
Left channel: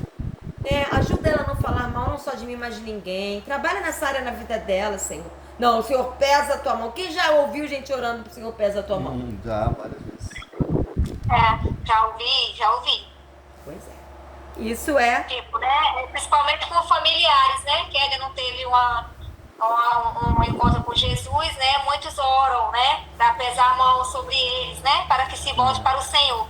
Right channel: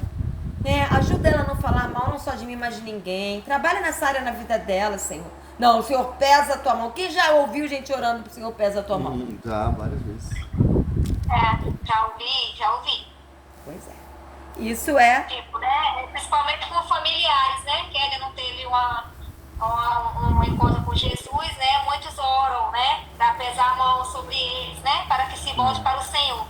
ajuda ela a não falar mal, não só de mim, mas de ninguém. Trabalha nessa área na vida dela, Senhor. Não, o Senhor pesa a tua mão. Quem já ouviu gente orando pro Senhor pesa a tua mão? Já, várias vezes. Já ouvi. Pois é. Isso é... Tipo, né? Principalmente com familiares, né? Que ainda não teve um encontro com Jesus, né? Muitos oram, né? Para pesar a mão sobre eles, né? Para que se volte para o Senhor.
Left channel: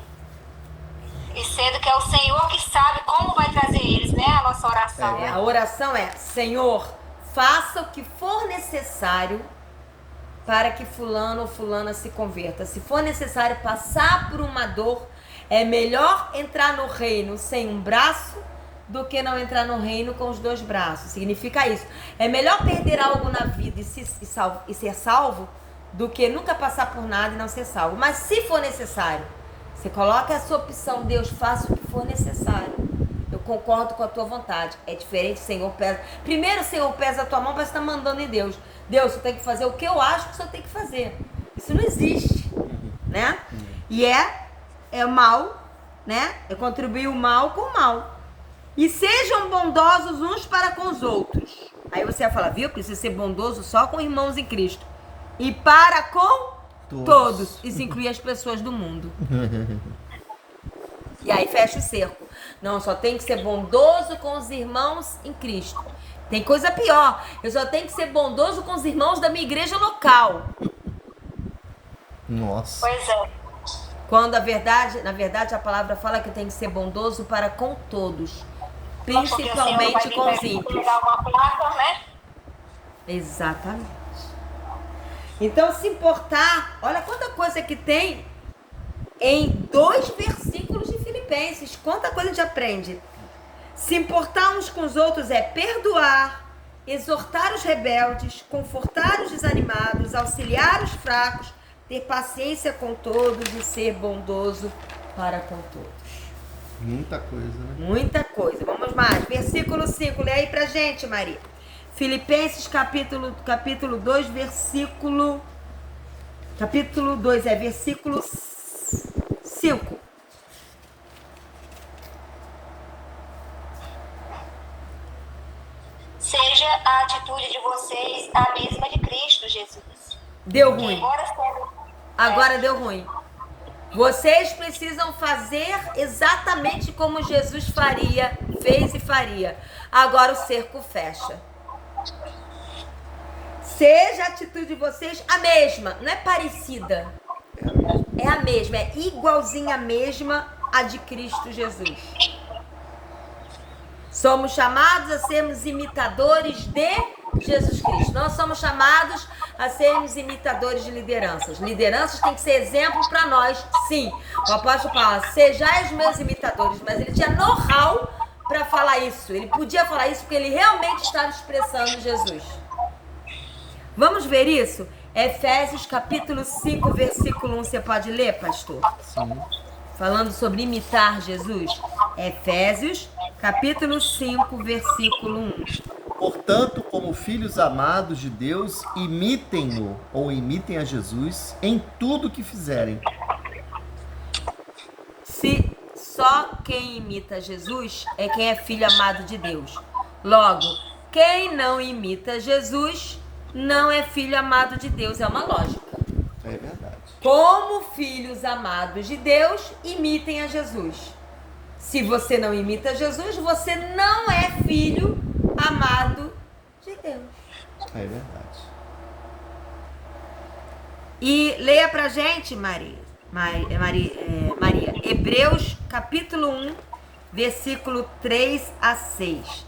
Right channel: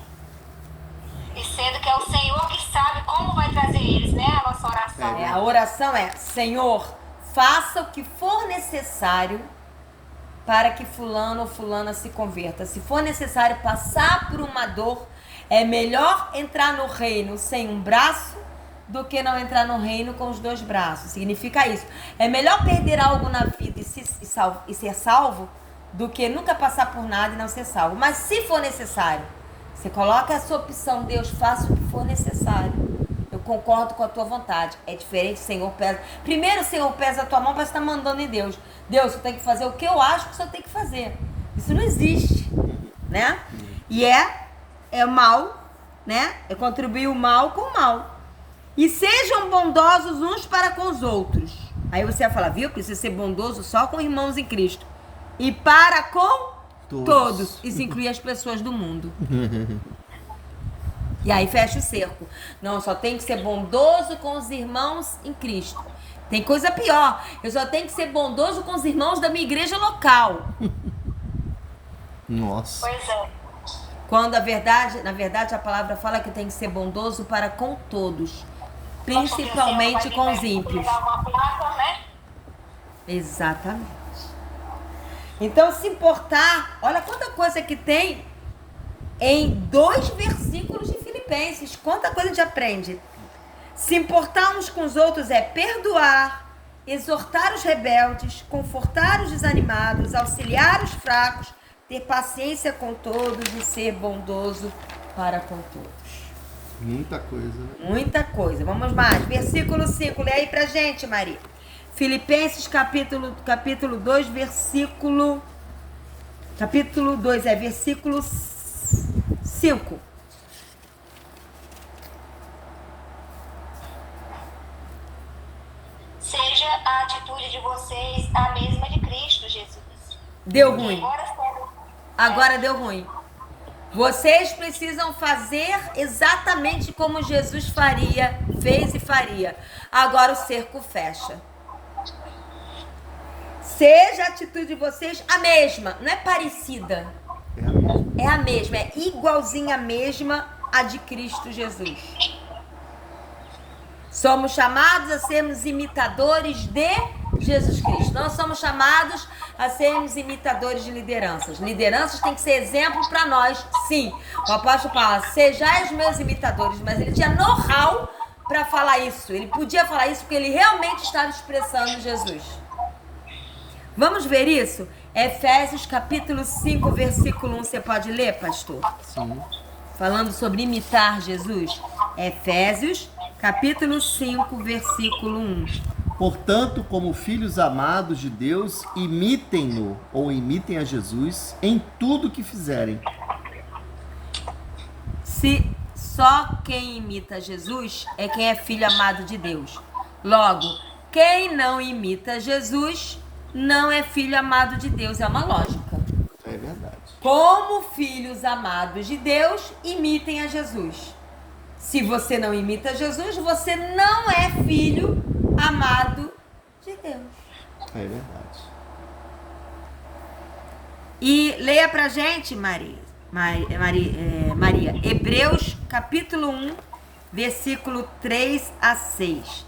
E sendo que é o Senhor que sabe como vai trazer eles, né? A nossa oração. A oração é, Senhor, faça o que for necessário para que fulano ou fulana se converta. Se for necessário passar por uma dor, é melhor entrar no reino sem um braço do que não entrar no reino com os dois braços. Significa isso. É melhor perder algo na vida e ser salvo do que nunca passar por nada e não ser salvo. Mas se for necessário, você coloca essa opção, Deus, faça o que for necessário. Eu concordo com a tua vontade. É diferente, Senhor, pesa. Primeiro, Senhor, pesa a tua mão, mas você está mandando em Deus. Deus, você tem que fazer o que eu acho que você tem que fazer. Isso não existe, né? E é mal, né? É contribuir o mal com o mal. E sejam bondosos uns para com os outros. Aí você vai falar, viu? Precisa ser bondoso só com irmãos em Cristo. E para com todos. Isso inclui as pessoas do mundo. E aí fecha o cerco. Não, só tem que ser bondoso com os irmãos em Cristo. Tem coisa pior. Eu só tenho que ser bondoso com os irmãos da minha igreja local. Nossa. Pois é. Quando na verdade, a palavra fala que tem que ser bondoso para com todos. Principalmente com os ímpios. Uma placa, né? Exatamente. Então, se importar, olha quanta coisa que tem em 2 versículos de Filipenses. Quanta coisa a gente aprende. Se importar uns com os outros é perdoar, exortar os rebeldes, confortar os desanimados, auxiliar os fracos, ter paciência com todos e ser bondoso para com todos. Muita coisa, né? Muita coisa. Vamos mais. Versículo 5. Lê aí pra gente, Maria. Filipenses capítulo 2, versículo... Capítulo 2, versículo 5. Seja a atitude de vocês a mesma de Cristo Jesus. Deu ruim. Agora Agora deu ruim. Vocês precisam fazer exatamente como Jesus fez e faria. Agora o cerco fecha. Seja a atitude de vocês a mesma, não é parecida. É a mesma, é igualzinha a mesma a de Cristo Jesus. Somos chamados a sermos imitadores de Jesus Cristo. Nós somos chamados a sermos imitadores de lideranças. Lideranças têm que ser exemplo para nós, sim. O apóstolo fala, sejais meus imitadores, mas ele tinha know-how para falar isso. Ele podia falar isso porque ele realmente estava expressando Jesus. Vamos ver isso? Efésios capítulo 5, versículo 1. Você pode ler, pastor? Sim. Falando sobre imitar Jesus. Efésios capítulo 5, versículo 1. Portanto, como filhos amados de Deus, imitem-no ou imitem a Jesus em tudo que fizerem. Se só quem imita Jesus é quem é filho amado de Deus. Logo, quem não imita Jesus não é filho amado de Deus. É uma lógica. É verdade. Como filhos amados de Deus, imitem a Jesus. Se você não imita Jesus, você não é filho amado de Deus. É verdade. E leia pra gente, Maria, Hebreus capítulo 1, versículo 3 a 6.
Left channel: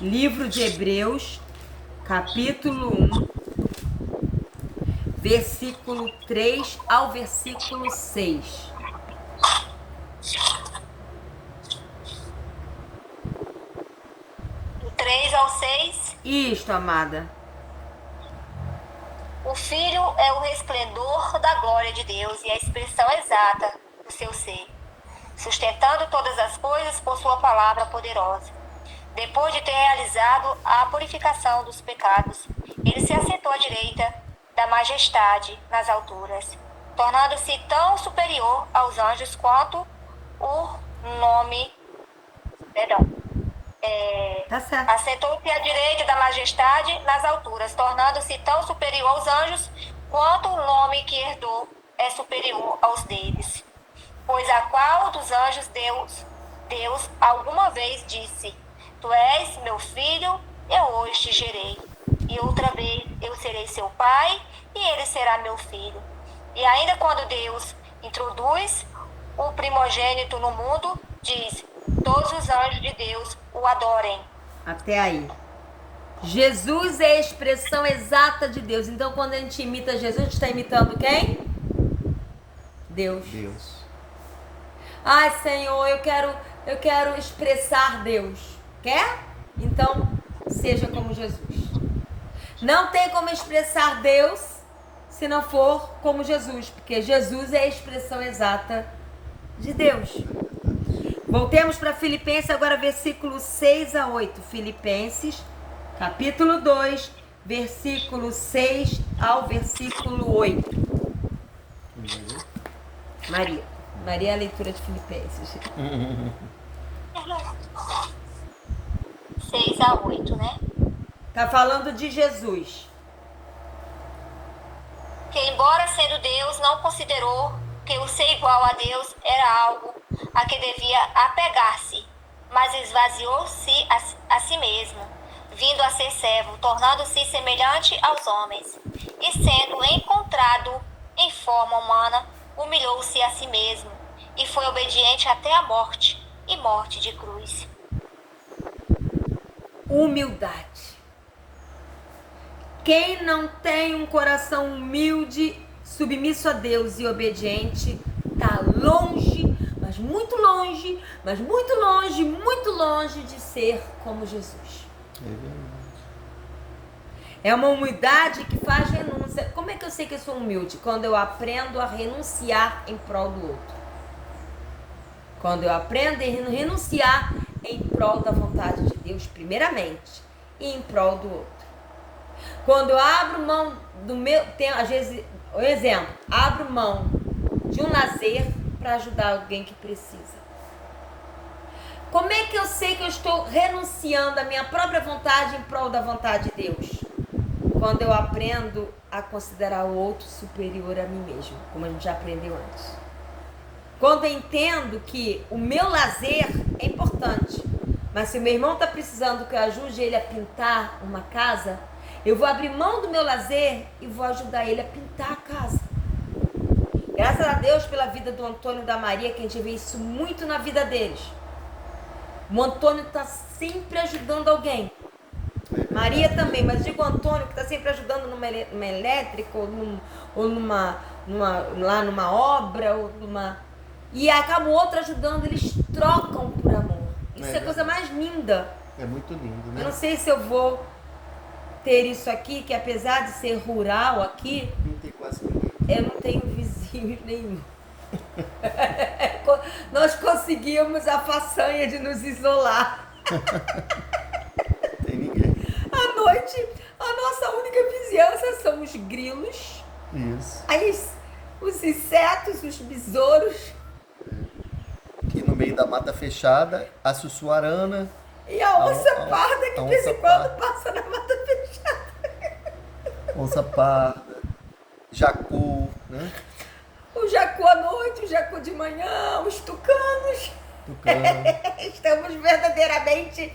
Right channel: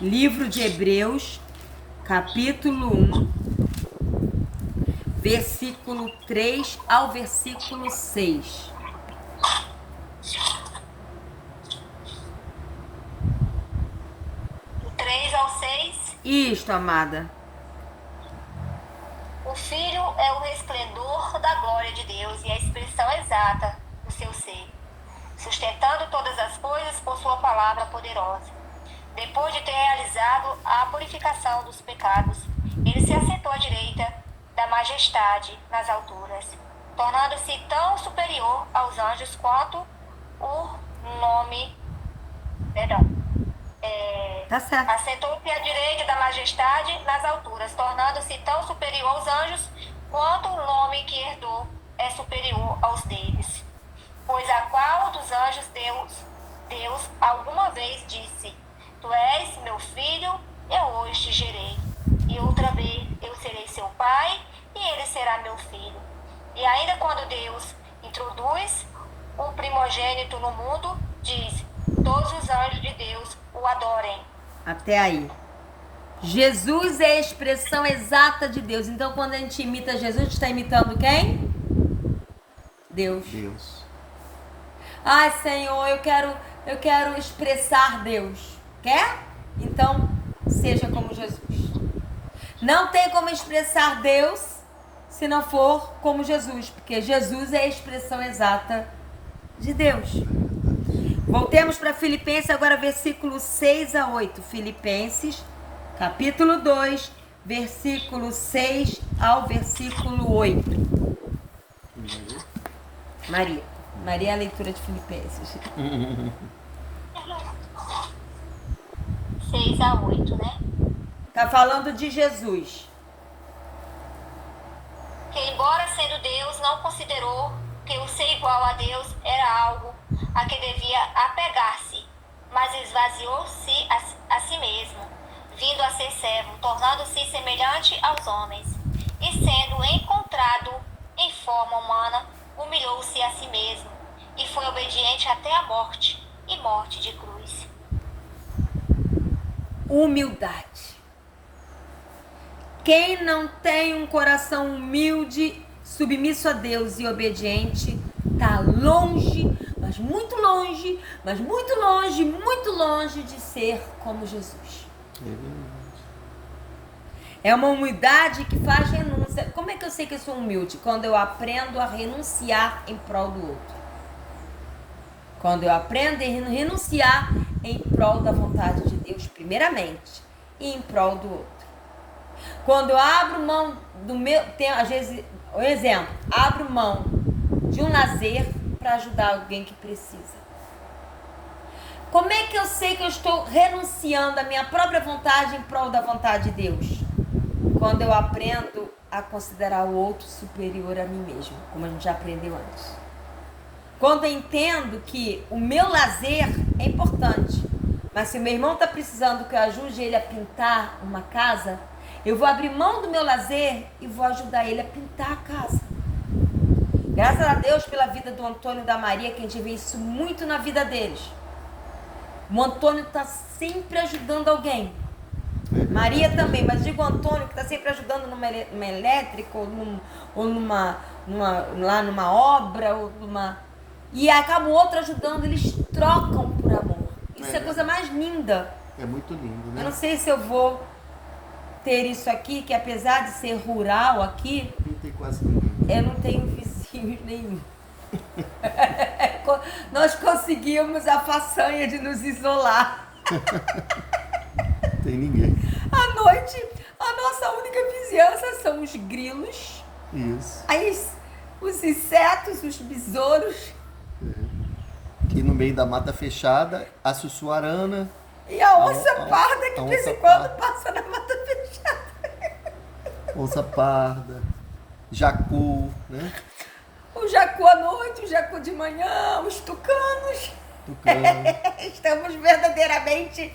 Livro de Hebreus, capítulo 1, versículo 3 ao versículo 6. Do 3 ao 6. Isto, amada. O Filho é o resplendor da glória de Deus e a expressão exata do seu ser, sustentando todas as coisas por sua palavra poderosa. Depois de ter realizado a purificação dos pecados, ele se assentou à direita da majestade nas alturas, tornando-se tão superior aos anjos quanto o nome... Tá certo. Assentou-se à direita da majestade nas alturas, tornando-se tão superior aos anjos quanto o nome que herdou é superior aos deles. Pois a qual dos anjos Deus alguma vez disse: Tu és meu filho, eu hoje te gerei. E outra vez eu serei seu pai, e ele será meu filho. E ainda quando Deus introduz o primogênito no mundo, diz: Todos os anjos de Deus o adorem. Até aí. Jesus é a expressão exata de Deus. Então, quando a gente imita Jesus, a gente está imitando quem? Deus. Deus. Ai, Senhor, eu quero expressar Deus. Quer? Então, seja como Jesus. Não tem como expressar Deus se não for como Jesus, porque Jesus é a expressão exata de Deus. Voltemos para Filipenses agora, versículo 6 a 8. Filipenses, capítulo 2, versículo 6 ao versículo 8. Maria é a leitura de Filipenses. 6 a 8, né? Tá falando de Jesus. Que embora sendo Deus, não considerou que o ser igual a Deus era algo a que devia apegar-se, mas esvaziou-se a si mesmo, vindo a ser servo, tornando-se semelhante aos homens. E sendo encontrado em forma humana, humilhou-se a si mesmo, e foi obediente até a morte, e morte de cruz. Humildade. Quem não tem um coração humilde, submisso a Deus e obediente, está longe, mas muito longe, muito longe de ser como Jesus. É uma humildade que faz renúncia. Como é que eu sei que eu sou humilde? Quando eu aprendo a renunciar em prol do outro. Quando eu aprendo a renunciar em prol da vontade de Deus, primeiramente, e em prol do outro. Quando eu abro mão do meu... às vezes, um exemplo, abro mão de um lazer para ajudar alguém que precisa. Como é que eu sei que eu estou renunciando à minha própria vontade em prol da vontade de Deus? Quando eu aprendo a considerar o outro superior a mim mesmo, como a gente já aprendeu antes. Quando eu entendo que o meu lazer é importante, mas se o meu irmão está precisando que eu ajude ele a pintar uma casa, eu vou abrir mão do meu lazer e vou ajudar ele a pintar a casa. Graças a Deus pela vida do Antônio e da Maria, que a gente vê isso muito na vida deles. O Antônio está sempre ajudando alguém. Maria também, mas digo o Antônio que está sempre ajudando numa elétrica ou numa obra, ou numa... E acaba o outro ajudando, eles trocam por amor. Isso é a coisa mais linda. É muito lindo, né? Eu não sei se eu vou ter isso aqui, que apesar de ser rural aqui, Não tem quase ninguém. eu não tenho vizinho nenhum. Nós conseguimos a façanha de nos isolar. Tem ninguém. À noite, a nossa única vizinhança são os grilos, Isso. os insetos, os besouros Aqui no meio da mata fechada, a sussuarana, e a onça parda que a de vez onça em quando parda. passa na mata fechada. onça parda, jacu, né? O jacu à noite, o jacu de manhã, os tucanos. Tucano. Estamos verdadeiramente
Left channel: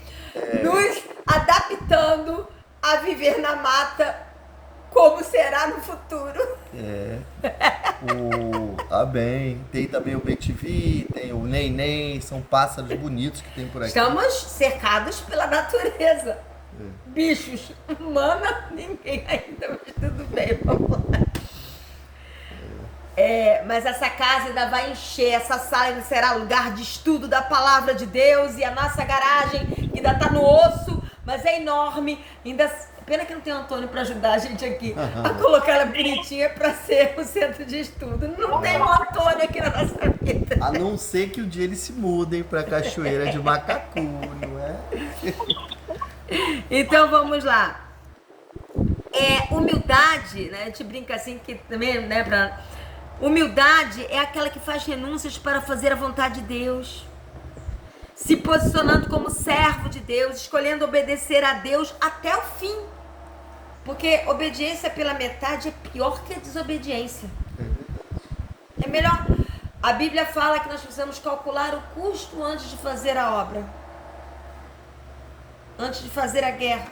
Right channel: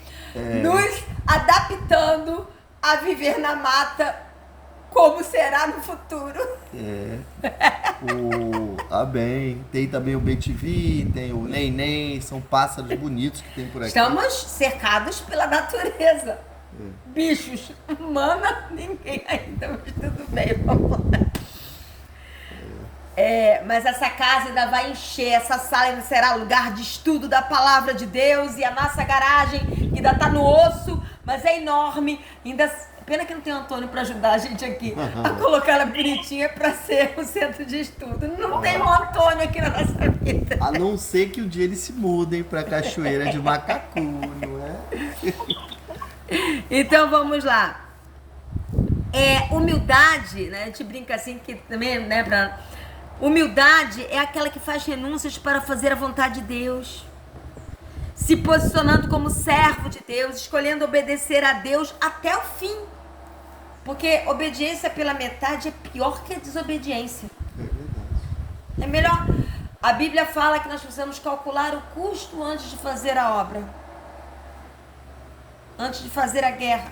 nos adaptando a viver na mata como será no futuro. Bem. Tem também o betivi, tem o neném, são pássaros bonitos que tem por aqui. Estamos cercados pela natureza. Bichos, humana, ninguém ainda, mas tudo bem, vamos lá. Mas essa casa ainda vai encher, essa sala ainda será lugar de estudo da palavra de Deus, e a nossa garagem ainda está no osso, mas é enorme. Pena que não tem o Antônio para ajudar a gente aqui a colocar ela bonitinha para ser o centro de estudo. Não tem o Antônio aqui na nossa vida. A não ser que um dia eles se mudem para Cachoeira de Macacu, não é? Então vamos lá. Humildade, né? A gente brinca assim que também, né? Humildade é aquela que faz renúncias para fazer a vontade de Deus, se posicionando como servo de Deus, escolhendo obedecer a Deus até o fim. Porque obediência pela metade é pior que a desobediência. É melhor. A Bíblia fala que nós precisamos calcular o custo antes de fazer a obra, antes de fazer a guerra.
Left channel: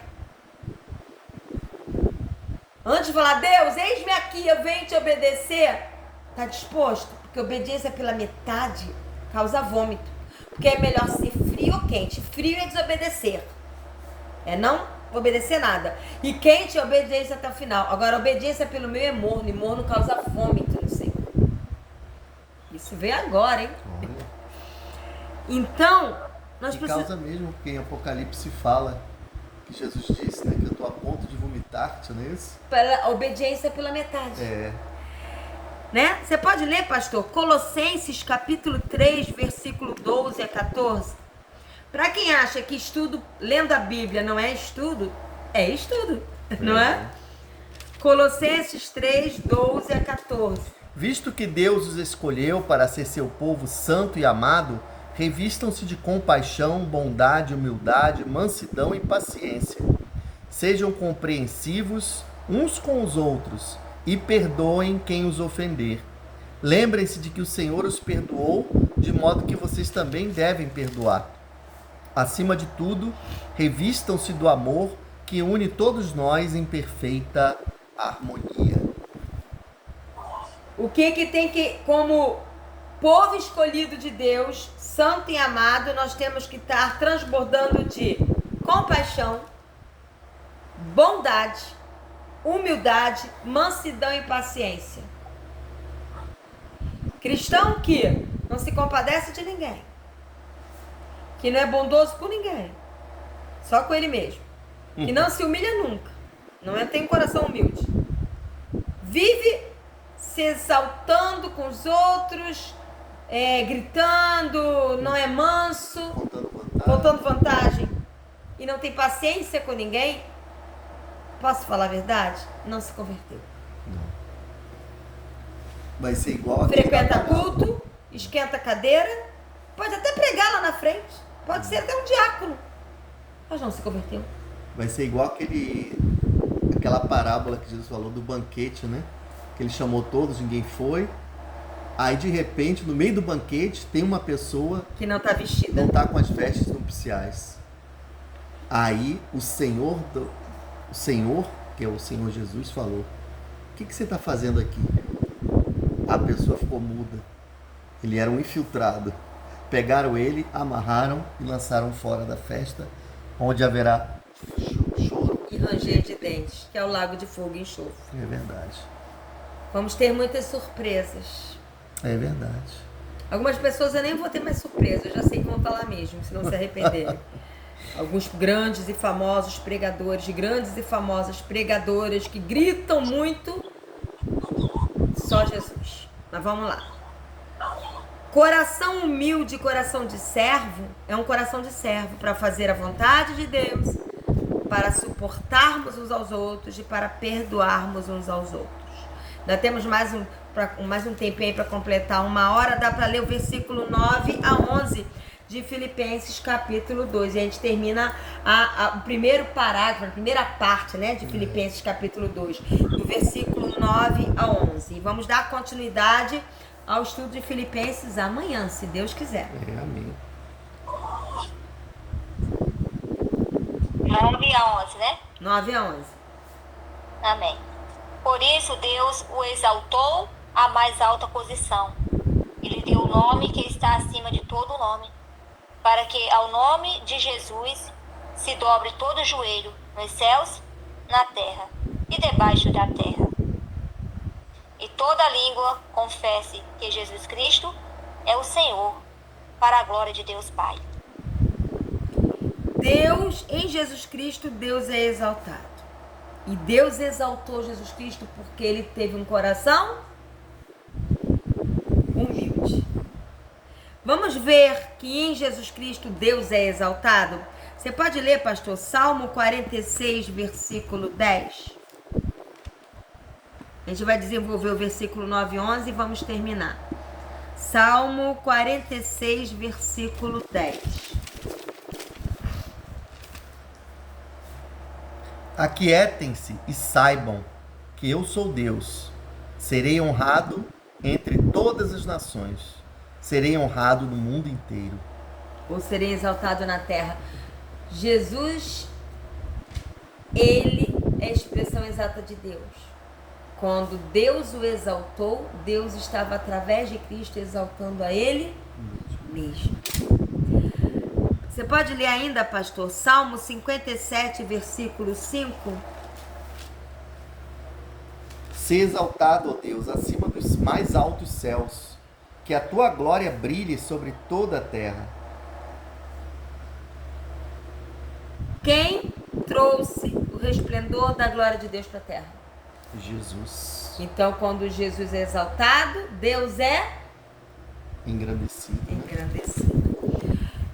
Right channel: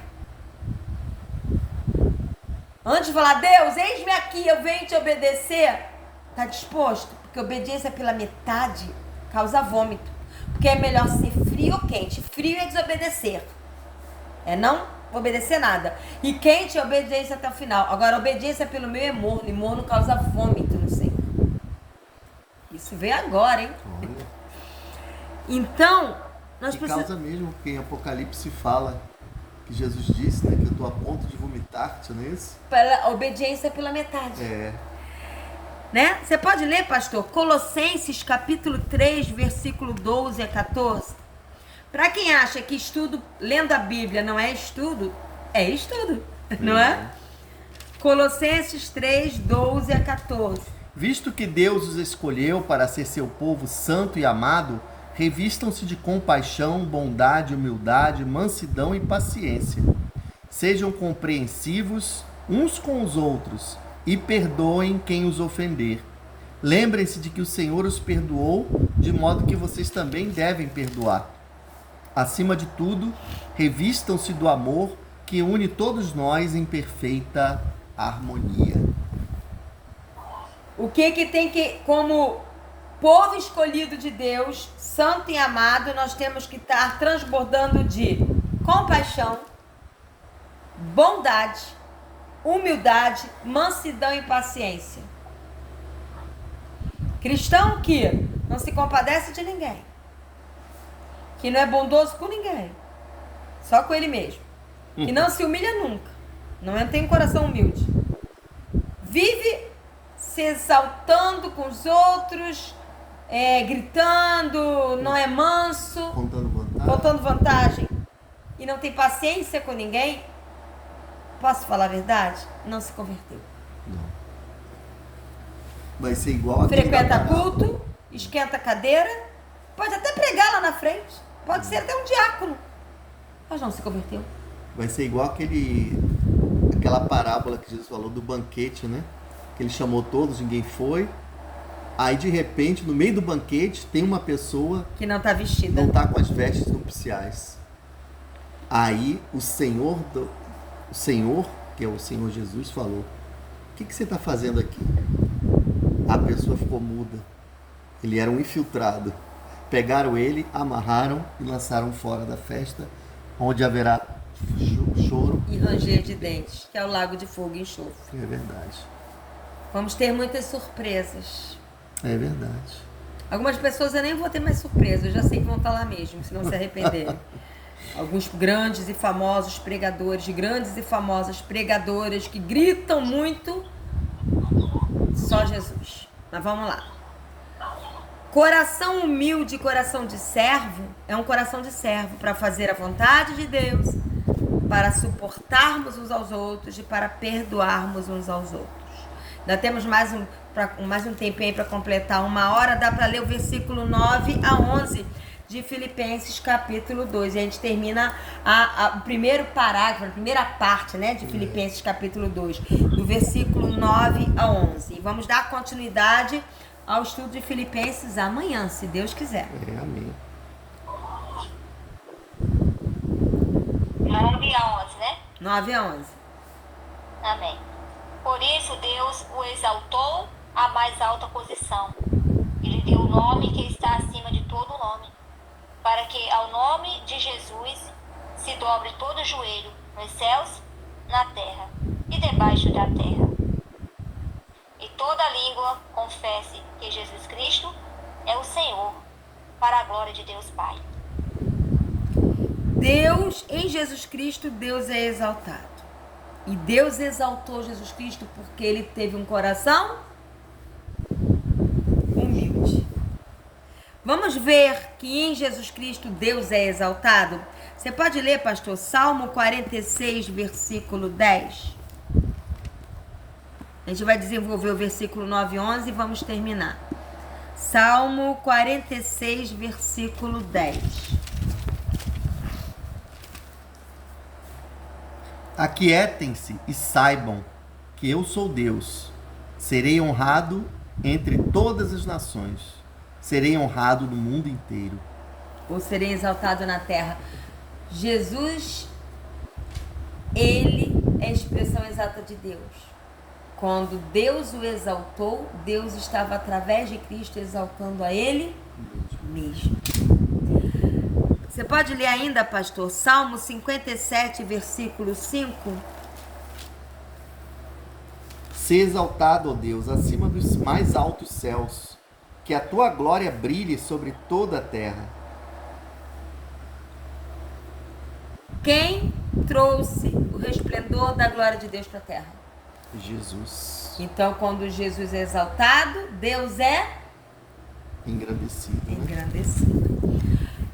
Antes de falar, Deus, eis-me aqui, eu venho te obedecer. Está disposto? Porque obediência pela metade causa vômito. Porque é melhor ser frio ou quente. Frio é desobedecer. Não obedecer nada. E quente é obediência até o final. Agora, obediência pelo meio é morno. E morno causa vômito no Senhor. Isso veio agora, hein? Olha. Então, nós E precisamos... causa mesmo, porque em Apocalipse fala que Jesus disse, né, que eu estou a ponto de vomitar-te, não é isso? Pela obediência pela metade. Né? Você pode ler, pastor? Colossenses capítulo 3, versículo 12 a 14. Para quem acha que estudo, lendo a Bíblia não é estudo, não é? Colossenses 3, 12 a 14. Visto que Deus os escolheu para ser seu povo santo e amado, revistam-se de compaixão, bondade, humildade, mansidão e paciência. Sejam compreensivos uns com os outros e perdoem quem os ofender. Lembrem-se de que o Senhor os perdoou, de modo que vocês também devem perdoar. Acima de tudo, revistam-se do amor que une todos nós em perfeita harmonia. O que tem que, como povo escolhido de Deus, santo e amado, nós temos que estar transbordando de compaixão, bondade, humildade, mansidão e paciência. Cristão que não se compadece de ninguém, que não é bondoso com ninguém, só com ele mesmo, que não se humilha nunca, não tem coração humilde, vive se exaltando com os outros, gritando, não é manso, contando vantagem, e não tem paciência com ninguém. Posso falar a verdade? Não se converteu. Não. Vai ser igual a frequenta culto, esquenta a cadeira, pode até pregar lá na frente, pode ser até um diácono, mas não se converteu. Vai ser igual aquela parábola que Jesus falou do banquete, né? Que ele chamou todos, ninguém foi. Aí de repente, no meio do banquete, tem uma pessoa que não está vestida, não está com as vestes nupciais. Aí o Senhor, que é o Senhor Jesus, falou: o que você está fazendo aqui? A pessoa ficou muda. Ele era um infiltrado. Pegaram ele, amarraram e lançaram fora da festa, onde haverá choro e ranger de dentes, que é o lago de fogo e enxofre. É verdade. Vamos ter muitas surpresas. É verdade. Algumas pessoas eu nem vou ter mais surpresa, eu já sei que vão estar lá mesmo, se não se arrependerem. Alguns grandes e famosos pregadores, grandes e famosas pregadoras que gritam muito, só Jesus. Mas vamos lá. Coração humilde, coração de servo, é um coração de servo para fazer a vontade de Deus, para suportarmos uns aos outros e para perdoarmos uns aos outros. Ainda temos mais um tempinho aí para completar 1 hora, dá para ler o versículo 9 a 11 de Filipenses capítulo 2. E a gente termina o primeiro parágrafo, a primeira parte, né, de Filipenses capítulo 2, do versículo 9 a 11. E vamos dar continuidade ao estudo de Filipenses amanhã, se Deus quiser. Amém. 9 a 11, né? 9 a 11. Amém. Por isso Deus o exaltou à mais alta posição. Ele deu o nome que está acima de todo nome, para que ao nome de Jesus se dobre todo o joelho, nos céus, na terra e debaixo da terra. E toda língua confesse que Jesus Cristo é o Senhor, para a glória de Deus Pai. Deus, em Jesus Cristo, Deus é exaltado. E Deus exaltou Jesus Cristo porque ele teve um coração humilde. Vamos ver que em Jesus Cristo Deus é exaltado? Você pode ler, pastor, Salmo 46, versículo 10? A gente vai desenvolver o versículo 9 e 11 e vamos terminar. Salmo 46, versículo 10. Aquietem-se e saibam que eu sou Deus. Serei honrado entre todas as nações. Serei honrado no mundo inteiro. Ou serei exaltado na terra. Jesus, ele é a expressão exata de Deus. Quando Deus o exaltou, Deus estava através de Cristo exaltando a ele mesmo. Você pode ler ainda, pastor, Salmo 57, versículo 5? Se exaltado, ó Deus, acima dos mais altos céus, que a tua glória brilhe sobre toda a terra. Quem trouxe o resplendor da glória de Deus para a terra? Jesus. Então, quando Jesus é exaltado, Deus é Engrandecido. Né? engrandecido.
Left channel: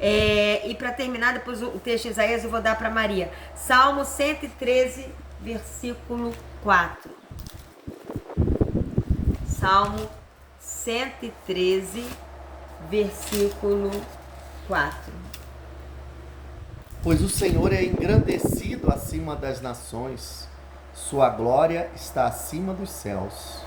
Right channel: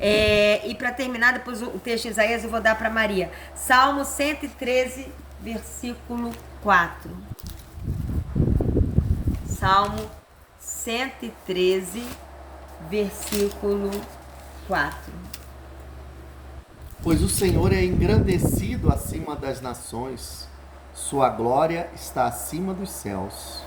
E para terminar, depois o texto de Isaías eu vou dar para Maria. Salmo 113, versículo 4. Salmo 113, versículo 4. Pois o Senhor é engrandecido acima das nações, sua glória está acima dos céus.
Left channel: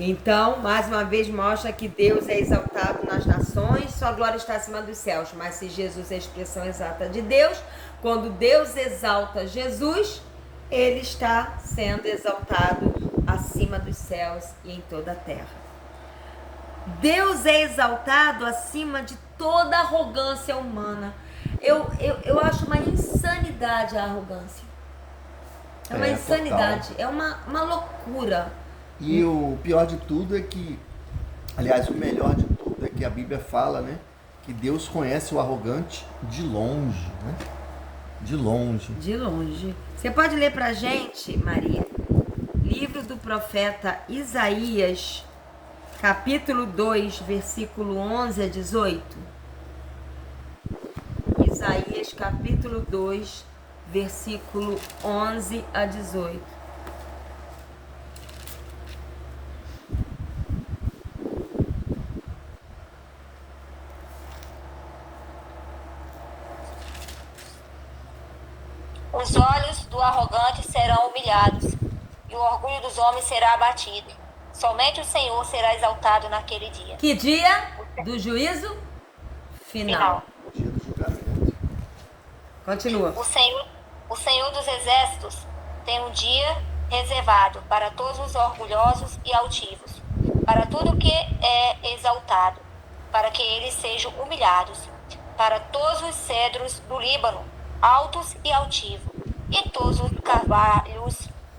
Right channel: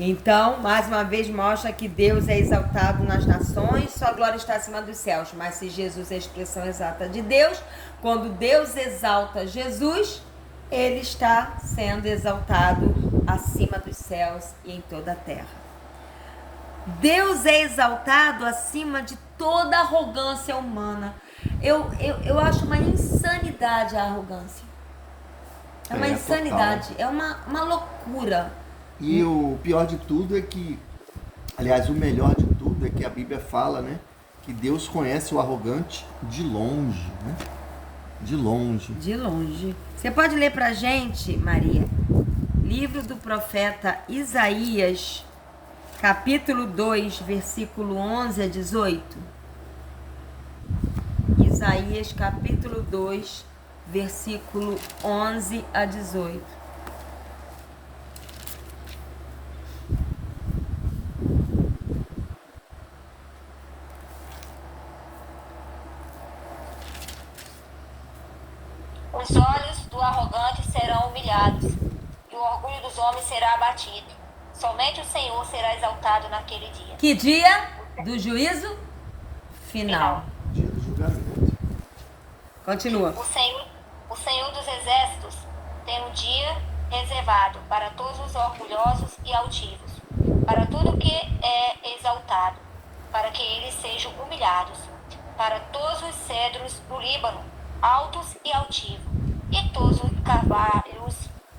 Então, mais uma vez mostra que Deus é exaltado nas nações, sua glória está acima dos céus. Mas se Jesus é a expressão exata de Deus, quando Deus exalta Jesus, ele está sendo exaltado acima dos céus e em toda a terra. Deus é exaltado acima de toda arrogância humana. Eu acho uma insanidade a arrogância. É uma insanidade, total. É uma loucura. E o pior de tudo é que, aliás, o melhor de tudo é que a Bíblia fala, né, que Deus conhece o arrogante de longe, né? De longe. De longe. Você pode ler pra gente, Maria, livro do profeta Isaías, capítulo 2, versículo 11 a 18? Isaías, capítulo 2, versículo 11 a 18. Os olhos do arrogante serão humilhados, e o orgulho dos homens será abatido. Somente o Senhor será exaltado naquele dia. Que dia? Do juízo final. Dia do julgamento. Continua. O Senhor dos exércitos tem um dia reservado para todos os orgulhosos e altivos, para tudo que é exaltado, para que eles sejam humilhados, para todos os cedros do Líbano, altos e altivos, e todos os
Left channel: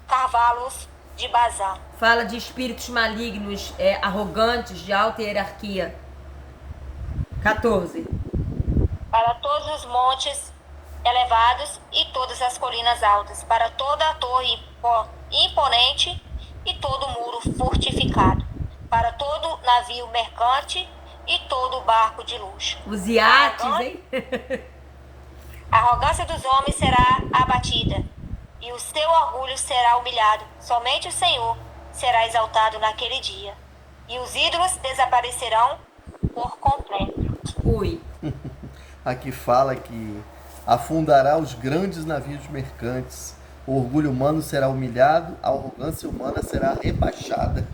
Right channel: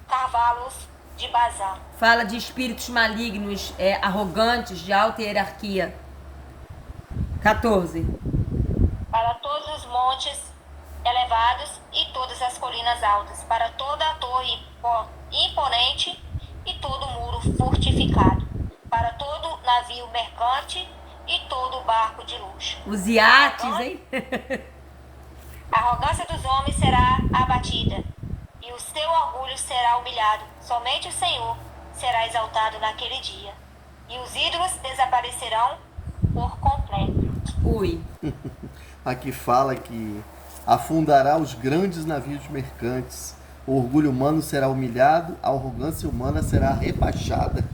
cavalos de Bazã. Fala de espíritos malignos, arrogantes, de alta hierarquia. 14. Para todos os montes elevados e todas as colinas altas, para toda a torre imponente e todo muro fortificado, para todo navio mercante e todo barco de luxo. Os iates, hein? A arrogância dos homens será abatida, e o seu orgulho será humilhado. Somente o Senhor será exaltado naquele dia, e os ídolos desaparecerão por completo. Ui. Aqui fala que afundará os grandes navios mercantes, o orgulho humano será humilhado, a arrogância humana será rebaixada.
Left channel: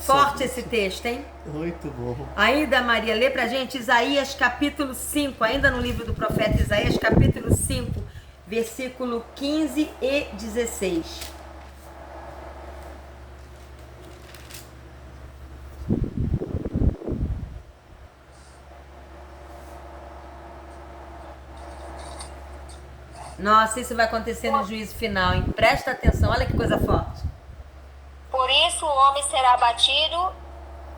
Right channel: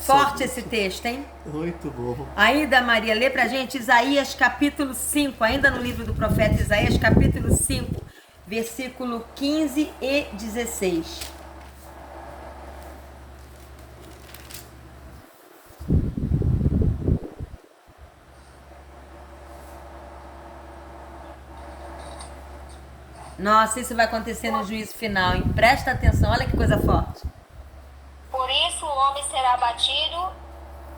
Forte esse texto, hein? Muito bom. Ainda, Maria, lê pra gente Isaías capítulo 5, ainda no livro do profeta Isaías, capítulo 5, versículo 15 e 16. Nossa, isso vai acontecer no juízo final, hein? Presta atenção, olha que coisa forte. Por isso o homem será abatido,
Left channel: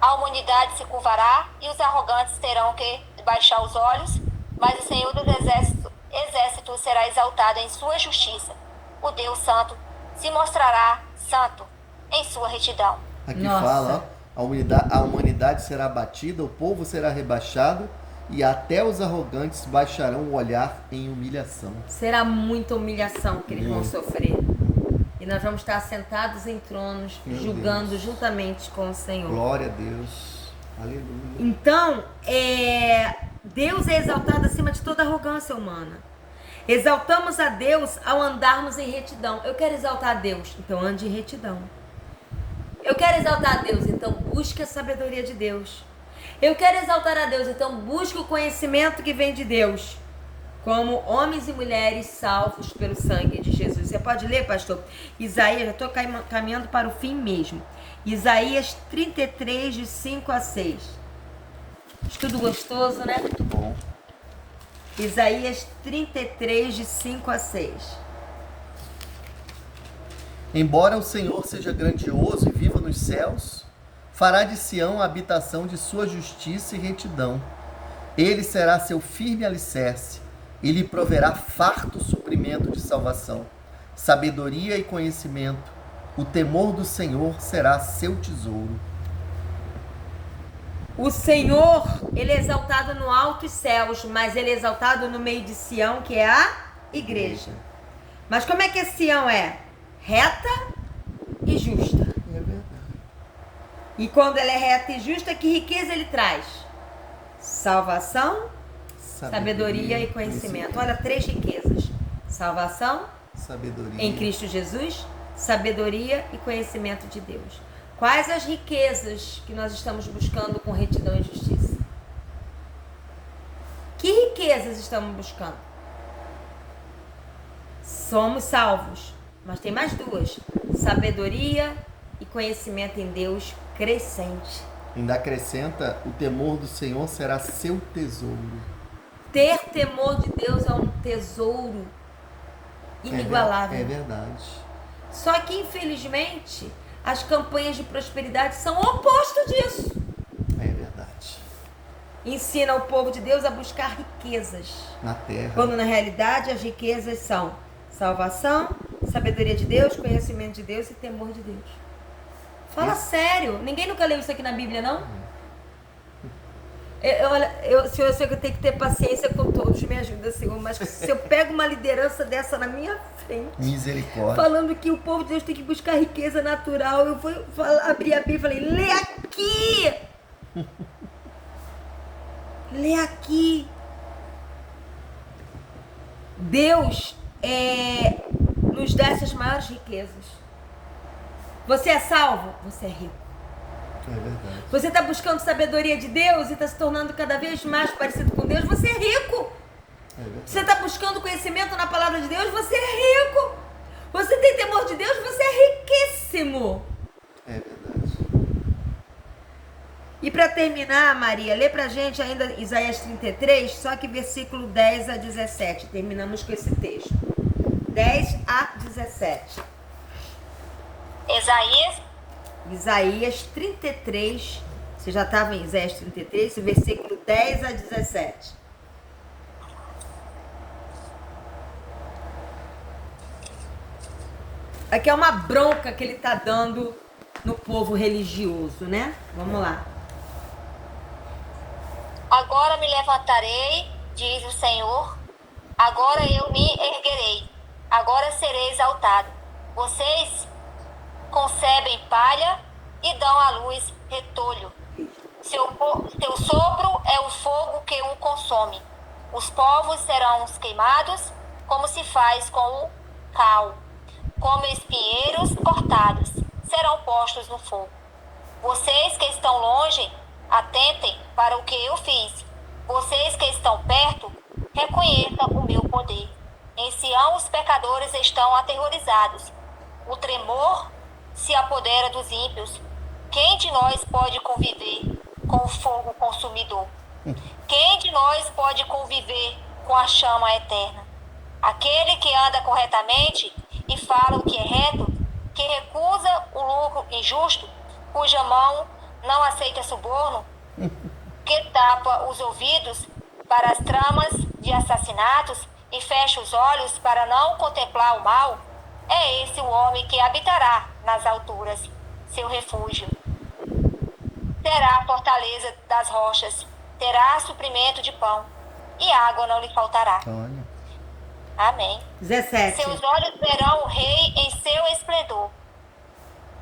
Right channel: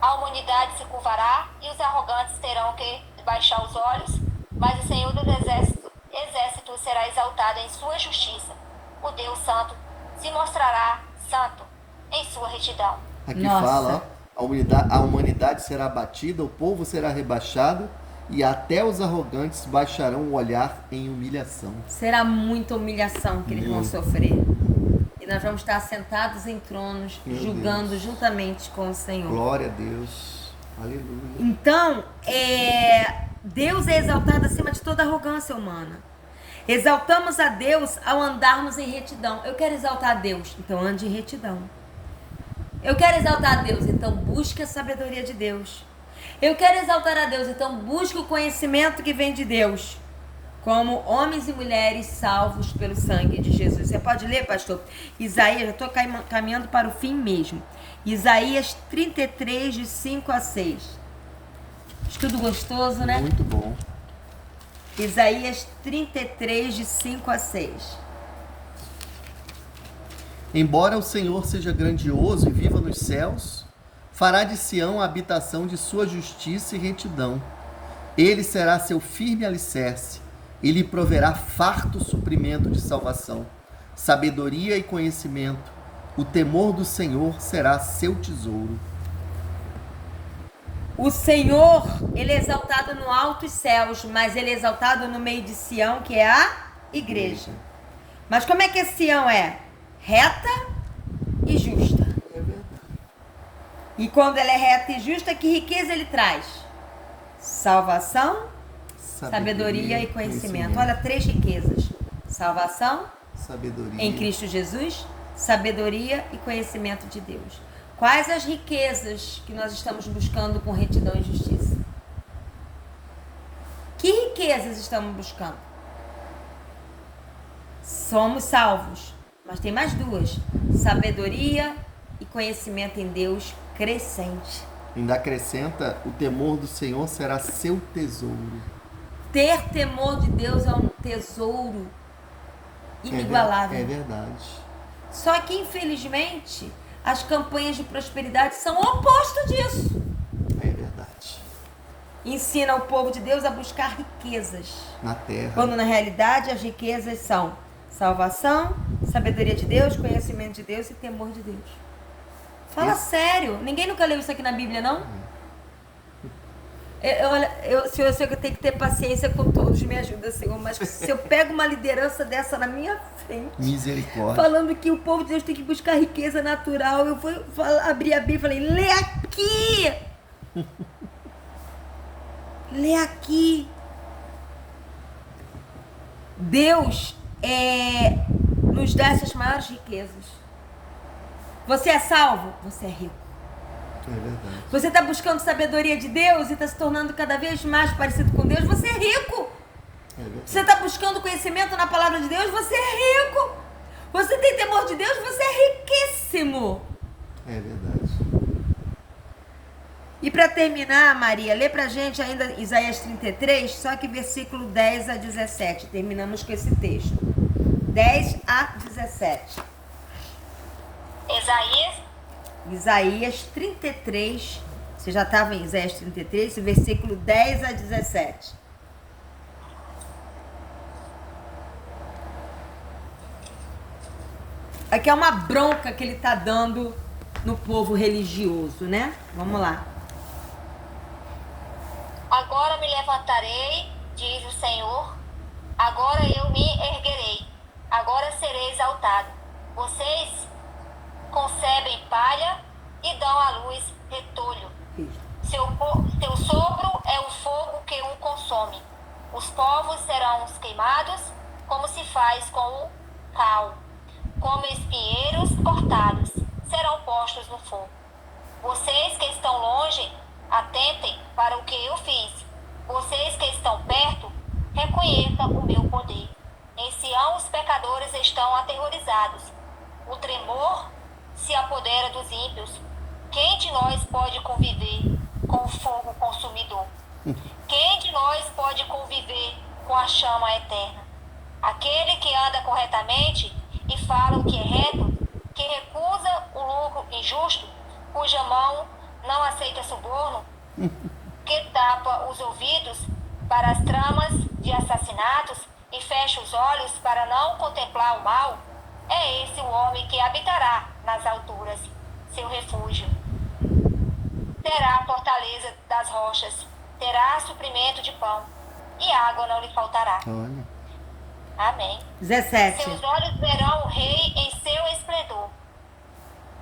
a humanidade se curvará, e os arrogantes terão que baixar os olhos, mas o Senhor dos exércitos será exaltado em sua justiça. O Deus Santo se mostrará santo em sua retidão. Aqui Nossa. fala, ó, a humanidade será abatida, o povo será rebaixado, e até os arrogantes baixarão o olhar em humilhação. Será muita humilhação que eles vão Muito. sofrer. E nós vamos estar sentados em tronos, Meu julgando Deus. juntamente com o Senhor. Glória a Deus. Aleluia. Então, Deus é exaltado acima de toda arrogância humana. Exaltamos a Deus ao andarmos em retidão. Eu quero exaltar a Deus, então ande em retidão. Eu quero exaltar a Deus, então busque a sabedoria de Deus. Eu quero exaltar a Deus, então busque o conhecimento que vem de Deus. Como homens e mulheres salvos pelo sangue de Jesus. Você pode ler, pastor? Isaías, eu estou caminhando para o fim mesmo. Isaías 33, de 5 a 6. Estudo gostoso, né? Muito bom. Isaías 33, de 5 a 6. Embora o Senhor seja grandioso e viva nos céus, fará de Sião a habitação de sua justiça e retidão. Ele será seu firme alicerce, e lhe proverá farto suprimento de salvação, sabedoria e conhecimento. O temor do Senhor será seu tesouro. O Senhor, ele é exaltado no altos céus, mas ele é exaltado no meio de Sião, que é a igreja. Mas como é que Sião é? Reta e justa. É verdade. E quando ela é reta e justa, que riqueza ele traz? Salvação, sabedoria e conhecimento. Olha, 3 riquezas. Salvação, Sabedoria. em Cristo Jesus, sabedoria e conhecimento de Deus. Quais as riquezas que nós estamos buscando com retidão e justiça? Que riquezas estamos buscando? Somos salvos, mas tem mais 2. Sabedoria e conhecimento em Deus crescente. Ainda acrescenta, o temor do Senhor será seu tesouro. Ter temor de Deus é um tesouro inigualável. É verdade. Só que, infelizmente, as campanhas de prosperidade são o oposto disso. É verdade. Ensina o povo de Deus a buscar riquezas, Na terra. quando na realidade as riquezas são salvação, sabedoria de Deus, conhecimento de Deus e temor de Deus. Fala sério, ninguém nunca leu isso aqui na Bíblia, não? Senhor, eu sei que eu tenho que ter paciência com todos, me ajuda, Senhor, mas se eu pego uma liderança dessa na minha frente, Misericórdia. falando que o povo de Deus tem que buscar riqueza natural, eu vou abrir a Bíblia e falei, lê aqui! Lê aqui! Deus nos dá essas maiores riquezas. Você é salvo? Você é rico. É verdade. Você está buscando sabedoria de Deus e está se tornando cada vez mais parecido com Deus? Você é rico. É verdade. Você está buscando conhecimento na palavra de Deus? Você é rico. Você tem temor de Deus? Você é riquíssimo. É verdade. E para terminar, Maria, lê pra gente ainda Isaías 33, só que versículo 10 a 17. Terminamos com esse texto. 10 a 17. Isaías 33, você já estava em Isaías 33, versículo 10 a 17. Aqui é uma bronca que ele está dando no povo religioso, né? Vamos lá. Agora me levantarei, diz o Senhor. Agora eu me erguerei. Agora serei exaltado. Vocês concebem palha e dão à luz retolho. Seu sopro é o fogo que o consome. Os povos serão queimados como se faz com o cal. Como espinheiros cortados, serão postos no fogo. Vocês que estão longe, atentem para o que eu fiz. Vocês que estão perto, reconheçam o meu poder. Em Sião os pecadores estão aterrorizados. O tremor se apodera dos ímpios. Quem de nós pode conviver com o fogo consumidor? Quem de nós pode conviver com a chama eterna? Aquele que anda corretamente e fala o que é reto, que recusa o lucro injusto, cuja mão não aceita suborno, que tapa os ouvidos para as tramas de assassinatos e fecha os olhos para não contemplar o mal, é esse o homem que habitará nas alturas, seu refúgio. Terá a fortaleza das rochas, terá suprimento de pão, e água não lhe faltará. Olha. Amém. 17. Seus olhos verão o rei em seu esplendor.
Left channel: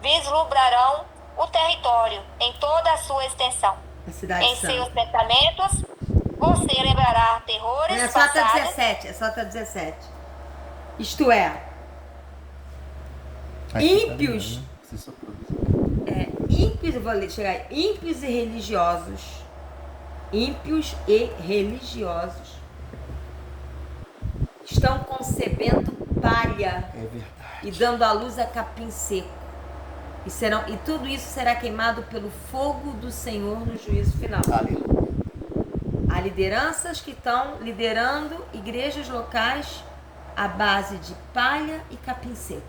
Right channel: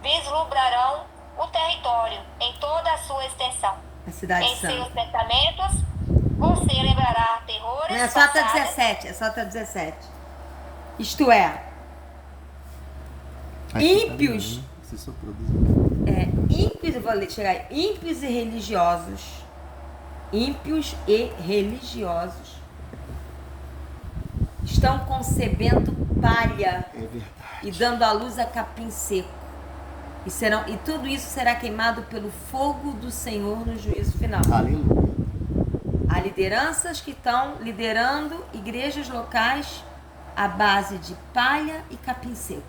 Vislumbrarão o território em toda a sua extensão. A cidade Em seus santa. pensamentos, você lembrará terrores Não, é só até passados. 17. É só até 17. Isto é, Aqui ímpios. tá, né? Você soprou dos- ímpios, eu vou chegar aí, ímpios e religiosos. Ímpios e religiosos estão concebendo palha É verdade. e dando à luz a capim seco. E tudo isso será queimado pelo fogo do Senhor no juízo final. Aleluia. Há lideranças que estão liderando igrejas locais à base de palha e capim seco.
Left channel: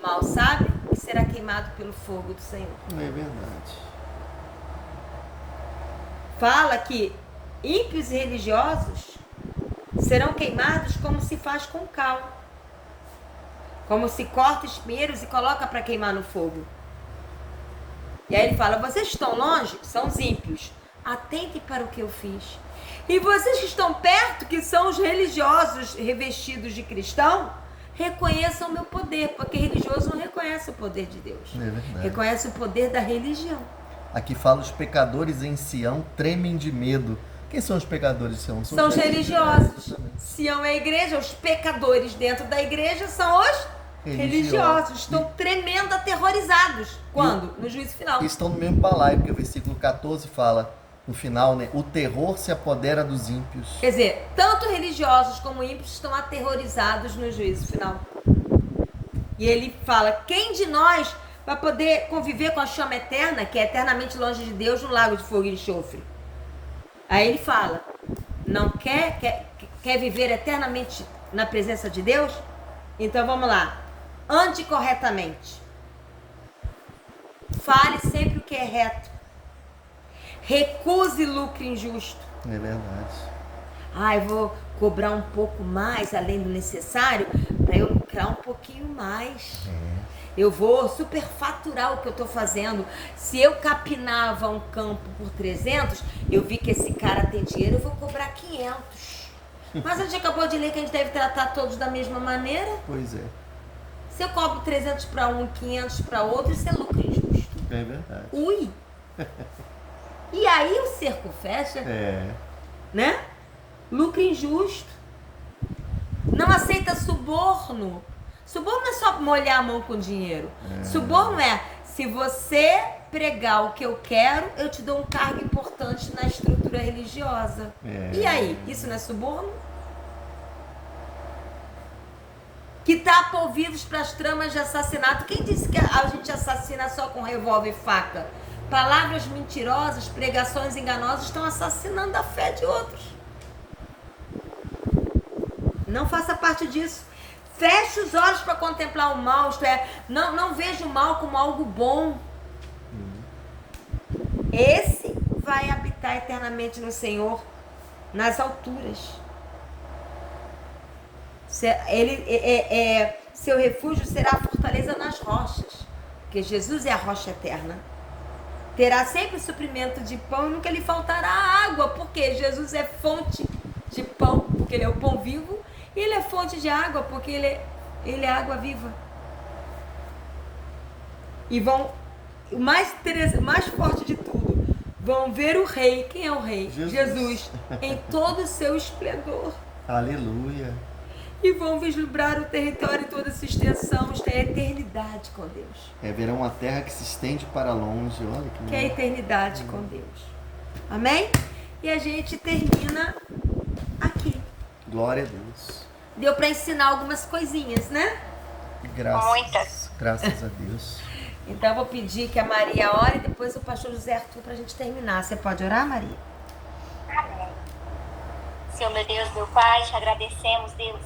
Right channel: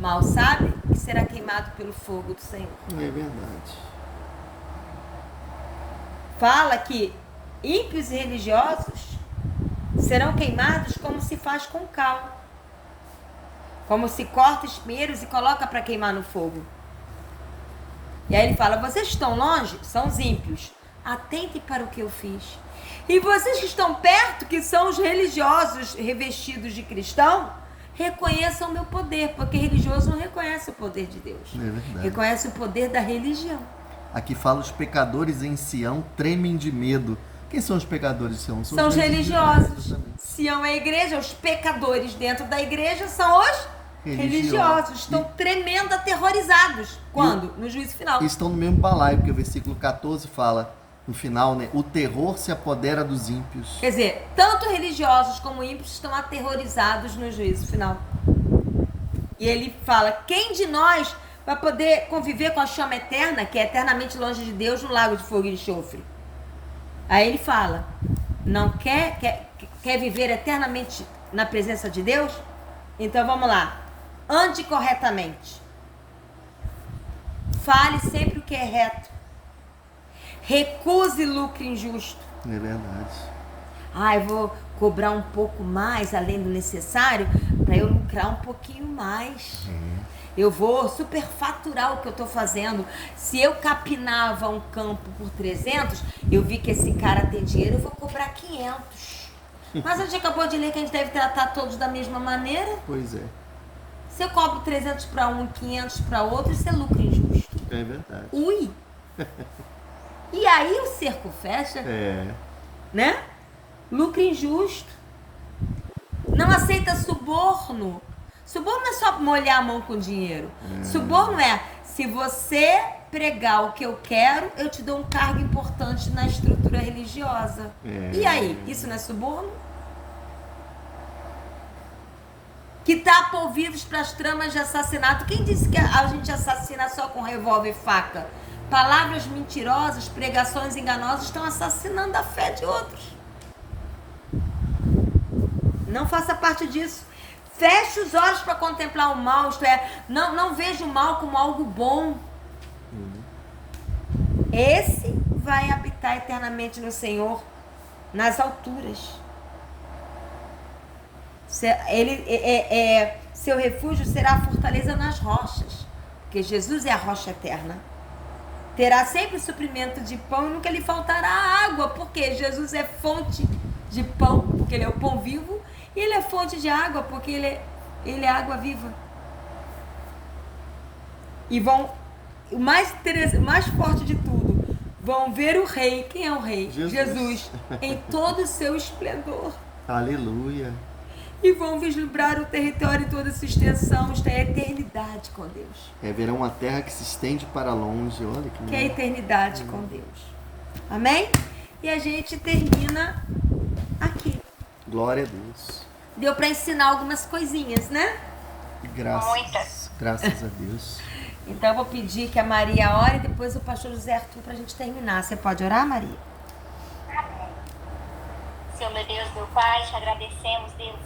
Mal sabe que será queimado pelo fogo do Senhor. É verdade. Fala que ímpios e religiosos serão queimados como se faz com cal. Como se corta espinheiros e coloca para queimar no fogo. E aí ele fala, vocês estão longe? São os ímpios. Atentem para o que eu fiz. E vocês que estão perto, que são os religiosos revestidos de cristão, reconheçam o meu poder, porque religioso não reconhece o poder de Deus. É verdade. Reconhece o poder da religião. Aqui fala os pecadores em Sião tremem de medo. Quem são os pecadores de Sião? São os religiosos. Exatamente. Sião é a igreja, os pecadores dentro da igreja são os religiosos. Estão tremendo, aterrorizados. Quando? No juízo final. E estão no mesmo balaio, porque o versículo 14 fala, no final, né? O terror se apodera dos ímpios. Quer dizer, tanto religiosos como ímpios estão aterrorizados no juízo final. E ele fala, quem de nós vai poder conviver com a chama eterna, que é eternamente longe de Deus, no lago de fogo e enxofre? Aí ele fala, não quer viver eternamente na presença de Deus? Então vamos lá. Ande corretamente. Fale sempre o que é reto. Recuse lucro injusto. É verdade. Eu vou cobrar um pouco mais além do necessário para eu lucrar um pouquinho mais. Eu vou superfaturar o que eu estou fazendo. Se eu capinava um campo por 300, eu vi que esse cara tem dinheiro, eu vou cobrar 500. Mas a gente acabou de ler que a gente deve tratar todos da mesma maneira. Pois é. Se eu cobro 300 para um e 500 para outro, isso é lucro injusto. É verdade. Ui! E aí o cerco fecha, É. né? Lucro injusto. Não aceita suborno. Suborno não é só molhar a mão com dinheiro. Suborno é, se você pregar o que eu quero, eu te dou um cargo importante na estrutura religiosa. E aí, isso não é suborno? Que tapa ouvidos para as tramas de assassinato. Quem disse que a gente assassina só com revólver e faca? Palavras mentirosas, pregações enganosas estão assassinando a fé de outros. Não faça parte disso. Feche os olhos para contemplar o mal, isto é, não veja o mal como algo bom. Esse vai habitar eternamente no Senhor, se Seu refúgio será a fortaleza nas rochas, porque Jesus é a rocha eterna. Terá sempre suprimento de pão e nunca lhe faltará água, porque Jesus é fonte de pão, porque ele é o pão vivo, e ele é fonte de água, porque ele é água viva. E o mais interessante, o mais forte de tudo, vão ver o rei. Quem é o rei? Jesus em todo o seu esplendor. Aleluia. E vão vislumbrar o território e toda a sua extensão. Isto é a eternidade com Deus. Verão uma terra que se estende para longe. Olha que é a eternidade com Deus. Amém? E a gente termina aqui. Glória a Deus. Deu para ensinar algumas coisinhas, né? Graças a Deus. Então eu vou pedir que a Maria ore e depois o pastor José Arthur para a gente terminar. Você pode orar, Maria? Senhor, meu Deus, meu Pai, te agradecemos, Deus,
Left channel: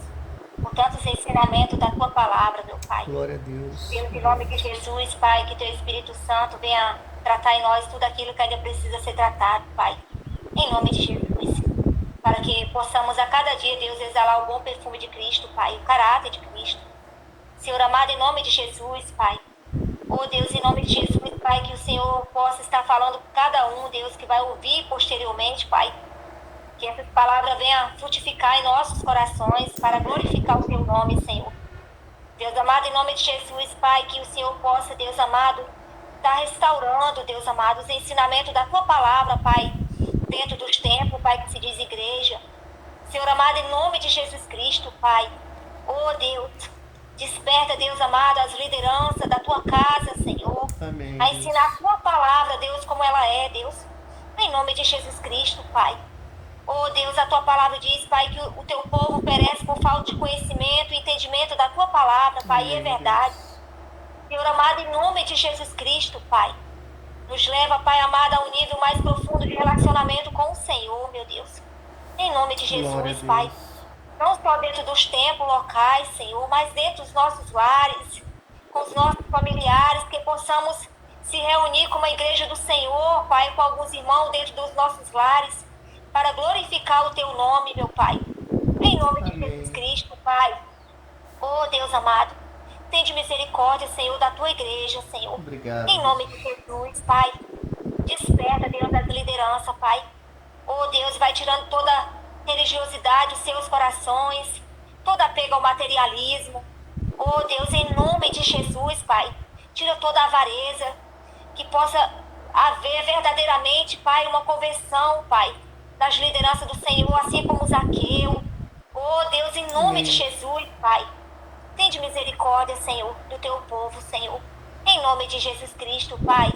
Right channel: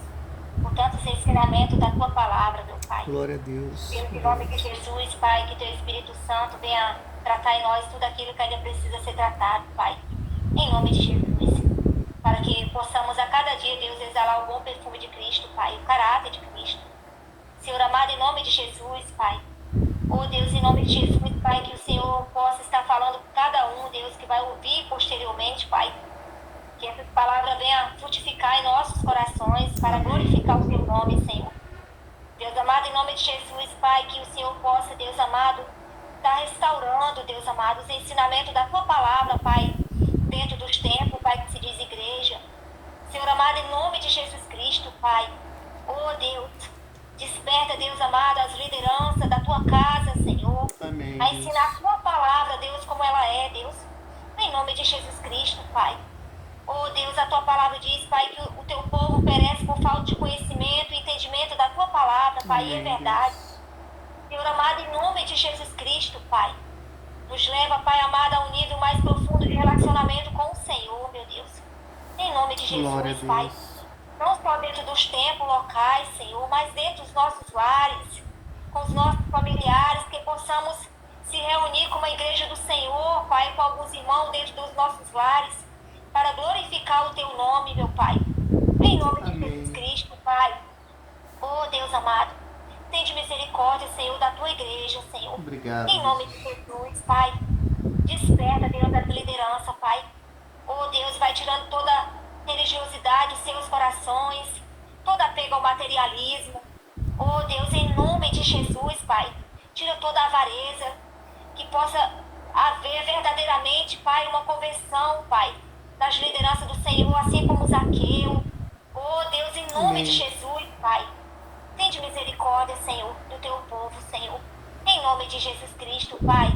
por tantos ensinamentos da Tua palavra, meu Pai. Glória a Deus. Deus, em nome de Jesus, Pai, que Teu Espírito Santo venha tratar em nós tudo aquilo que ainda precisa ser tratado, Pai. Em nome de Jesus. Para que possamos a cada dia, Deus, exalar o bom perfume de Cristo, Pai, o caráter de Cristo. Senhor amado, em nome de Jesus, Pai. Oh, Deus, em nome de Jesus, Pai, que o Senhor possa estar falando com cada um, Deus, que vai ouvir posteriormente, Pai. Que essa palavra venha frutificar em nossos corações para glorificar o Teu nome, Senhor. Deus amado, em nome de Jesus, Pai, que o Senhor possa, Deus amado, estar restaurando, Deus amado, os ensinamentos da Tua palavra, Pai, dentro dos tempos, Pai, que se diz igreja. Senhor amado, em nome de Jesus Cristo, Pai. Oh, Deus, desperta, Deus amado, as lideranças da Tua casa, Senhor. Amém. A ensinar a Tua palavra, Deus, como ela é, Deus. Em nome de Jesus Cristo, Pai. Oh, Deus, a Tua palavra diz, Pai, que o Teu povo perece por falta de conhecimento e entendimento da Tua palavra, Pai, e é verdade. Senhor amado, em nome de Jesus Cristo, Pai, nos leva, Pai amado, a um nível mais profundo de relacionamento com o Senhor, meu Deus. Em nome de Jesus, Pai. Não só dentro dos templos locais, Senhor, mas dentro dos nossos lares, com os nossos familiares, que possamos se reunir como a igreja do Senhor, Pai, com alguns irmãos dentro dos nossos lares, para glorificar o Teu nome, meu Pai. Em nome de Jesus Cristo, Pai. Oh, Deus amado, tende misericórdia, Senhor, da Tua igreja, Senhor. Obrigado. Em nome de Jesus, Pai. Desperta, Deus, das lideranças, Pai. Oh, Deus, vai tirando toda religiosidade dos seus corações, toda apego ao materialismo. Oh, Deus, em nome de Jesus, Pai. Tira toda a avareza, que possa haver verdadeiramente, Pai, uma conversão, Pai, das lideranças do Senhor, assim como Zaqueu. Oh, Deus, em nome de Jesus, Pai. Tende misericórdia, Senhor, do Teu povo, Senhor. Em nome de Jesus Cristo, Pai.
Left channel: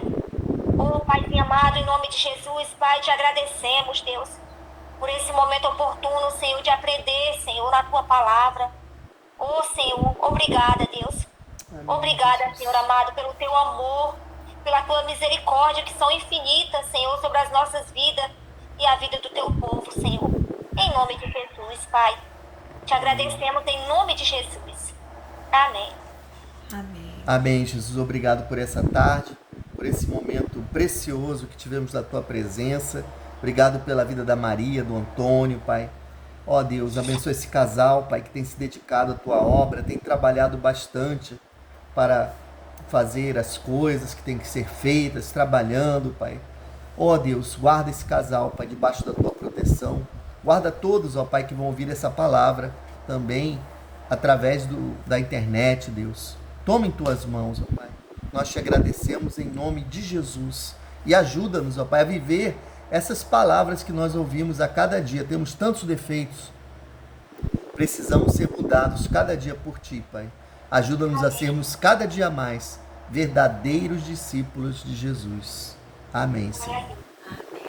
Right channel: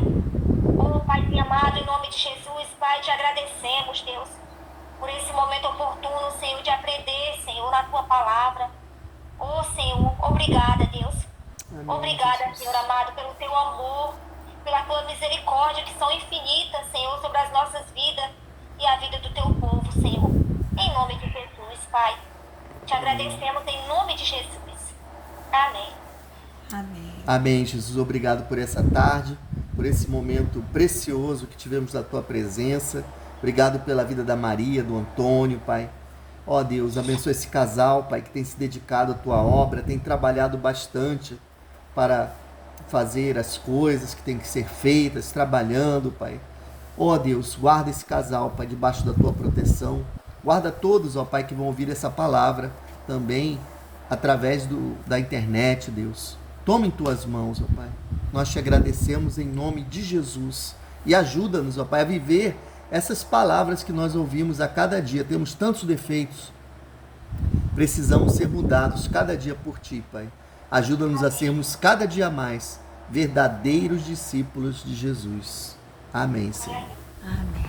Oh, Pai amado, em nome de Jesus, Pai, te agradecemos, Deus, por esse momento oportuno, Senhor, de aprender, Senhor, na Tua palavra. Oh, Senhor, obrigada, Deus. Amém, obrigada, Jesus. Senhor amado, pelo Teu amor, pela Tua misericórdia, que são infinitas, Senhor, sobre as nossas vidas e a vida do Teu povo, Senhor. Em nome de Jesus, Pai. Te agradecemos em nome de Jesus. Amém. Amém. Amém, Jesus. Obrigado por essa tarde, por esse momento precioso que tivemos na Tua presença. Obrigado pela vida da Maria, do Antônio, Pai. Ó Deus, abençoa esse casal, Pai, que tem se dedicado à Tua obra, tem trabalhado bastante para fazer as coisas que têm que ser feitas, trabalhando, Pai. Ó Deus, guarda esse casal, Pai, debaixo da Tua proteção. Guarda todos, ó Pai, que vão ouvir essa palavra também através da internet, Deus. Toma em Tuas mãos, ó Pai. Nós te agradecemos em nome de Jesus. E ajuda-nos, ó Pai, a viver essas palavras que nós ouvimos a cada dia. Temos tantos defeitos. Precisamos ser mudados cada dia por Ti, Pai. Ajuda-nos a sermos cada dia mais verdadeiros discípulos de Jesus. Amém, Senhor. Amém.